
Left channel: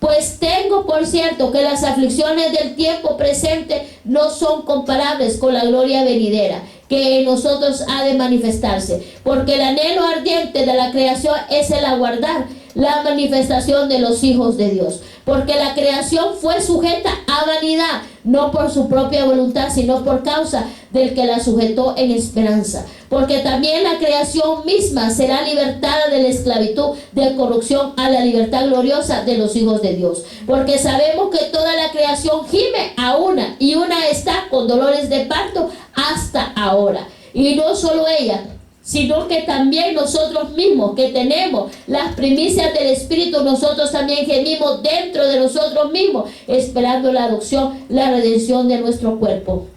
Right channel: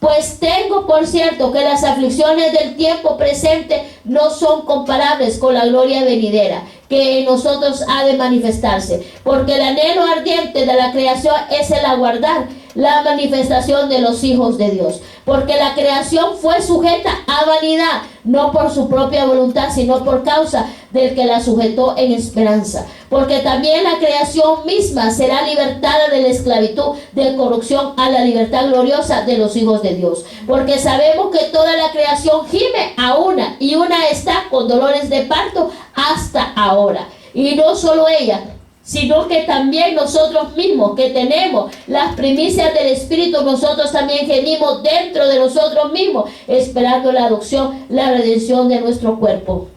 Pues tengo por cierto que las aflicciones del tiempo presente no son comparables con la gloria venidera, que en nosotros ha de manifestarse. Porque el anhelo ardiente de la creación es el aguardar la manifestación de los hijos de Dios. Porque la creación fue sujeta a vanidad, no por su propia voluntad, sino por causa del que la sujetó en esperanza. Porque también la creación misma será libertada de la esclavitud de corrupción a la libertad gloriosa de los hijos de Dios. Porque sabemos que toda la creación gime a una, y una está con dolores de parto hasta ahora. Y no solo ella, sino que también nosotros mismos que tenemos las primicias del Espíritu, nosotros también gemimos dentro de nosotros mismos, esperando la adopción, la redención de nuestro cuerpo.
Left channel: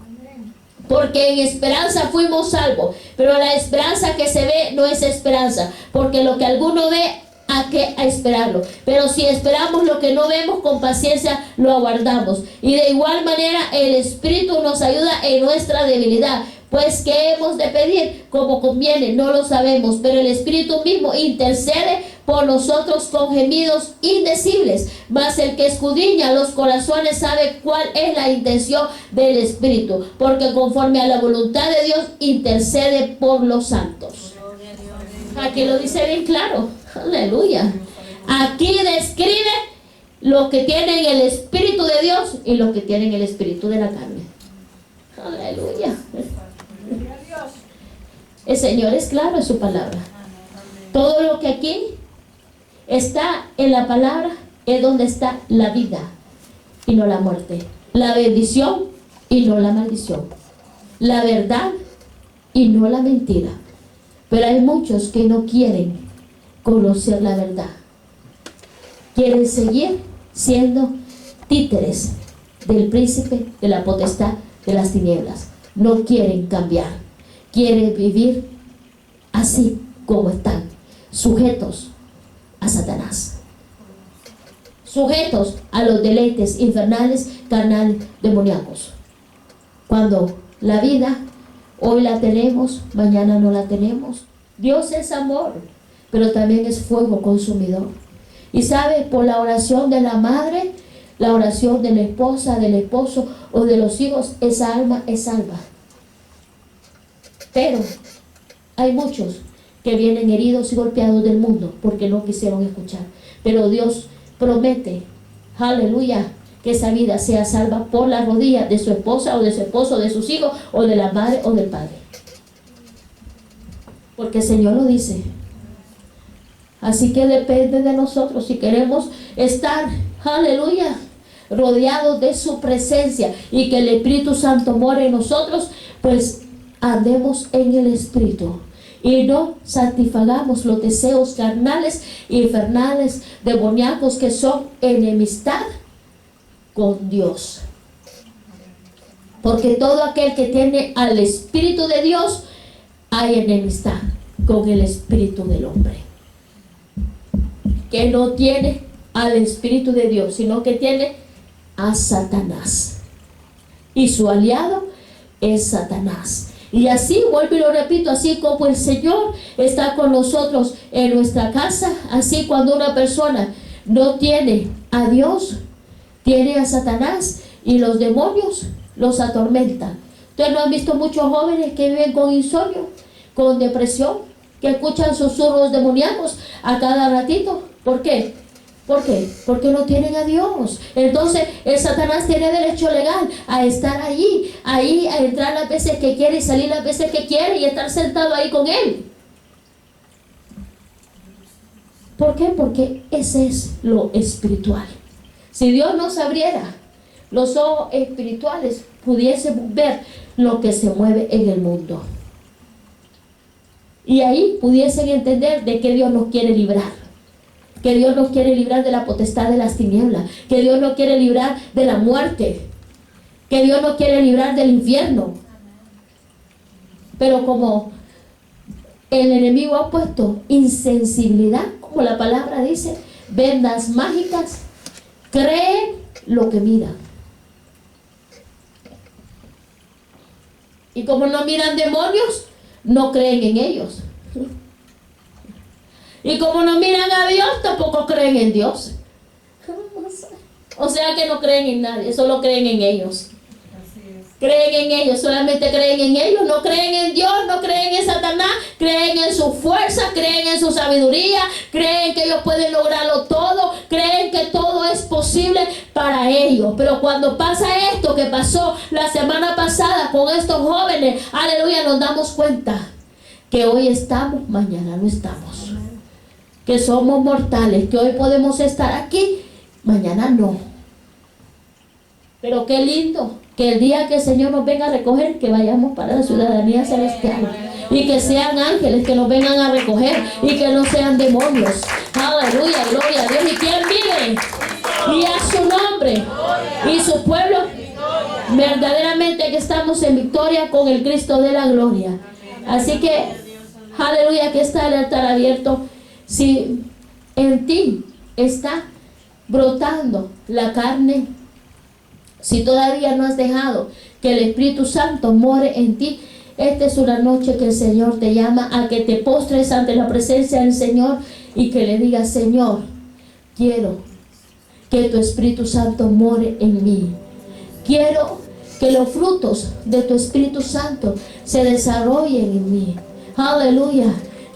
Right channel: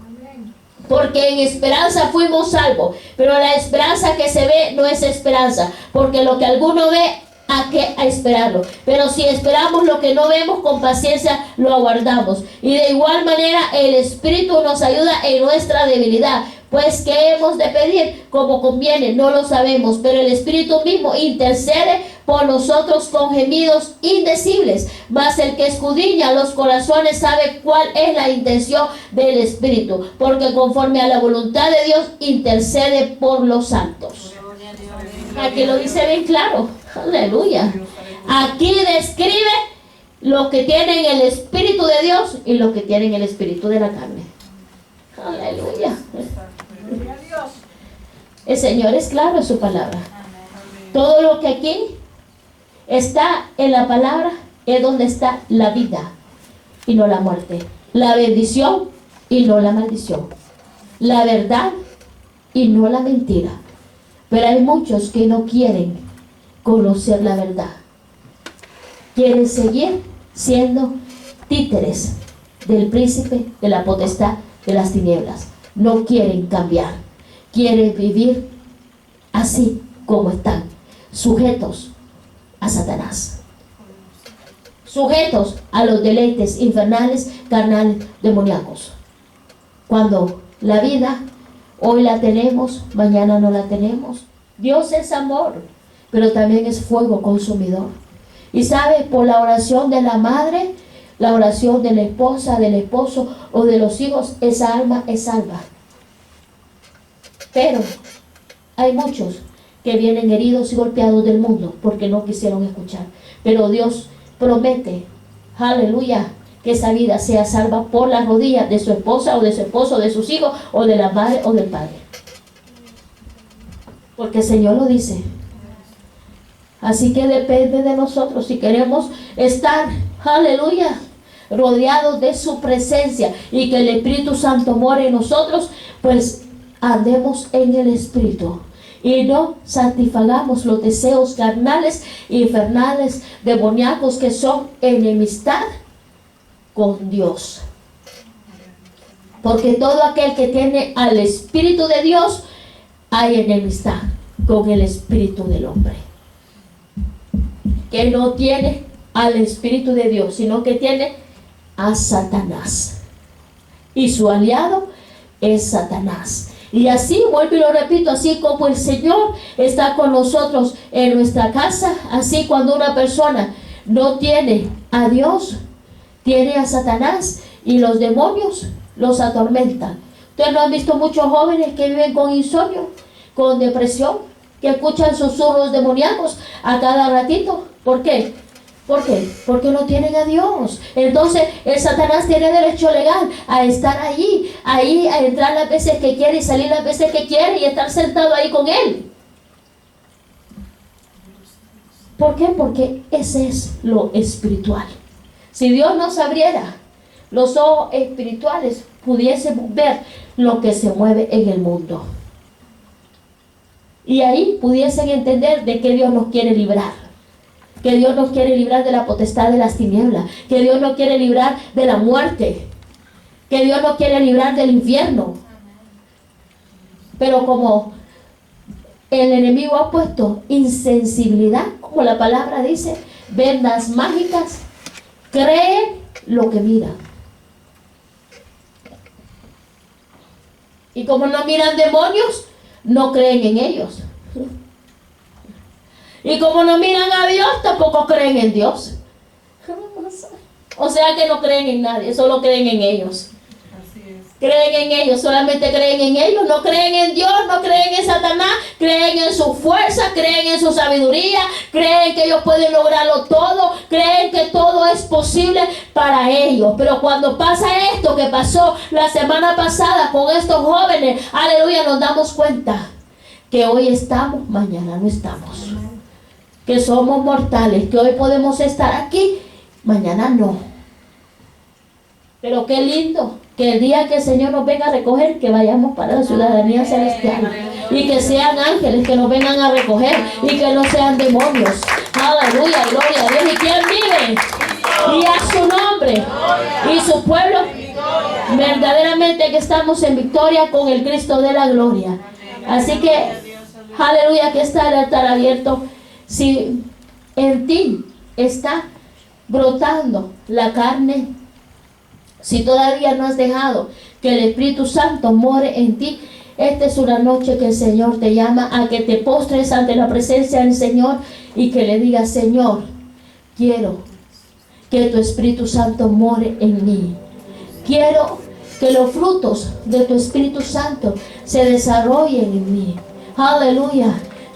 Porque en esperanza fuimos salvos, pero la esperanza que se ve no es esperanza, porque lo que alguno ve, ¿a qué? A esperarlo. Pero si esperamos lo que no vemos, con paciencia lo aguardamos. Y de igual manera el Espíritu nos ayuda en nuestra debilidad. Pues ¿qué hemos de pedir? Como conviene, no lo sabemos, pero el Espíritu mismo intercede por nosotros con gemidos indecibles. Mas el que escudriña los corazones sabe cuál es la intención del Espíritu, porque conforme a la voluntad de Dios intercede por los santos. Aquí lo dice bien claro. Aleluya. Aquí describe lo que tienen el Espíritu de Dios y lo que tienen el Espíritu de la carne. Aleluya. El Señor es claro en su palabra. Todo lo que aquí está en la palabra es donde está la vida y no la muerte, la bendición y no la maldición, la verdad y no la mentira. Pero hay muchos que no quieren conocer la verdad, quieren seguir siendo títeres del príncipe de la potestad de las tinieblas. No quieren cambiar, quieren vivir así como están, sujetos a Satanás, sujetos a los deleites infernales, carnales, demoníacos. Cuando la vida hoy la tenemos, mañana no la tenemos. Dios es amor, pero también es fuego consumidor. Y sabe, por la oración de la madre, la oración de la esposa, del esposo o de los hijos, esa alma es salva. Pero hay muchos que vienen heridos y golpeados del mundo porque no quisieron escuchar. Pero Dios promete, aleluya, que esa vida sea salva por las rodillas de su esposa o de su esposo, de sus hijos o de la madre o del padre. Porque el Señor lo dice. Así que depende de nosotros si queremos estar, aleluya, rodeados de su presencia y que el Espíritu Santo more en nosotros, pues andemos en el Espíritu y no satisfagamos los deseos carnales, infernales, demoníacos, que son enemistad con Dios. Porque todo aquel que tiene al Espíritu de Dios, hay enemistad con el espíritu del hombre. Que no tiene al Espíritu de Dios, sino que tiene a Satanás. Y su aliado es Satanás. Y así, vuelvo y lo repito, así como el Señor está con nosotros en nuestra casa, así cuando una persona no tiene a Dios, tiene a Satanás, y los demonios los atormentan. Ustedes no han visto muchos jóvenes que viven con insomnio, con depresión, que escuchan susurros demoníacos a cada ratito. ¿Por qué? ¿Por qué? Porque no tienen a Dios. Entonces el Satanás tiene derecho legal a estar ahí, a entrar las veces que quiere y salir las veces que quiere y estar sentado ahí con él. ¿Por qué? Porque ese es lo espiritual. Si Dios nos abriera los ojos espirituales, pudiésemos ver lo que se mueve en el mundo. Y ahí pudiesen entender de que Dios nos quiere librar. Que Dios nos quiere librar de la potestad de las tinieblas. Que Dios nos quiere librar de la muerte. Que Dios nos quiere librar del infierno. Pero como el enemigo ha puesto insensibilidad, como la palabra dice, vendas mágicas, creen lo que miran. Y como no miran demonios, no creen en ellos. Y como no miran a Dios, tampoco creen en Dios. O sea que no creen en nadie, solo creen en ellos. Creen en ellos, solamente creen en ellos, no creen en Dios, no creen en Satanás, creen en su fuerza, creen en su sabiduría, creen que ellos pueden lograrlo todo, creen que todo es posible para ellos. Pero cuando pasa esto que pasó la semana pasada con estos jóvenes, aleluya, nos damos cuenta que hoy estamos, mañana no estamos. Que somos mortales, que hoy podemos estar aquí, mañana no. Pero qué lindo que el día que el Señor nos venga a recoger, que vayamos para la ciudadanía celestial. y que sean ángeles que nos vengan a recoger y que no sean demonios. Aleluya, gloria a Dios. ¿Y quién vive? Y a su nombre y su pueblo. Verdaderamente que estamos en victoria con el Cristo de la gloria. Así que, aleluya, que está el altar abierto. Si en ti está brotando la carne, si todavía no has dejado que el Espíritu Santo more en ti, esta es una noche que el Señor te llama a que te postres ante la presencia del Señor y que le digas: Señor, quiero que tu Espíritu Santo more en mí. Quiero que los frutos de tu Espíritu Santo se desarrollen en mí. Aleluya.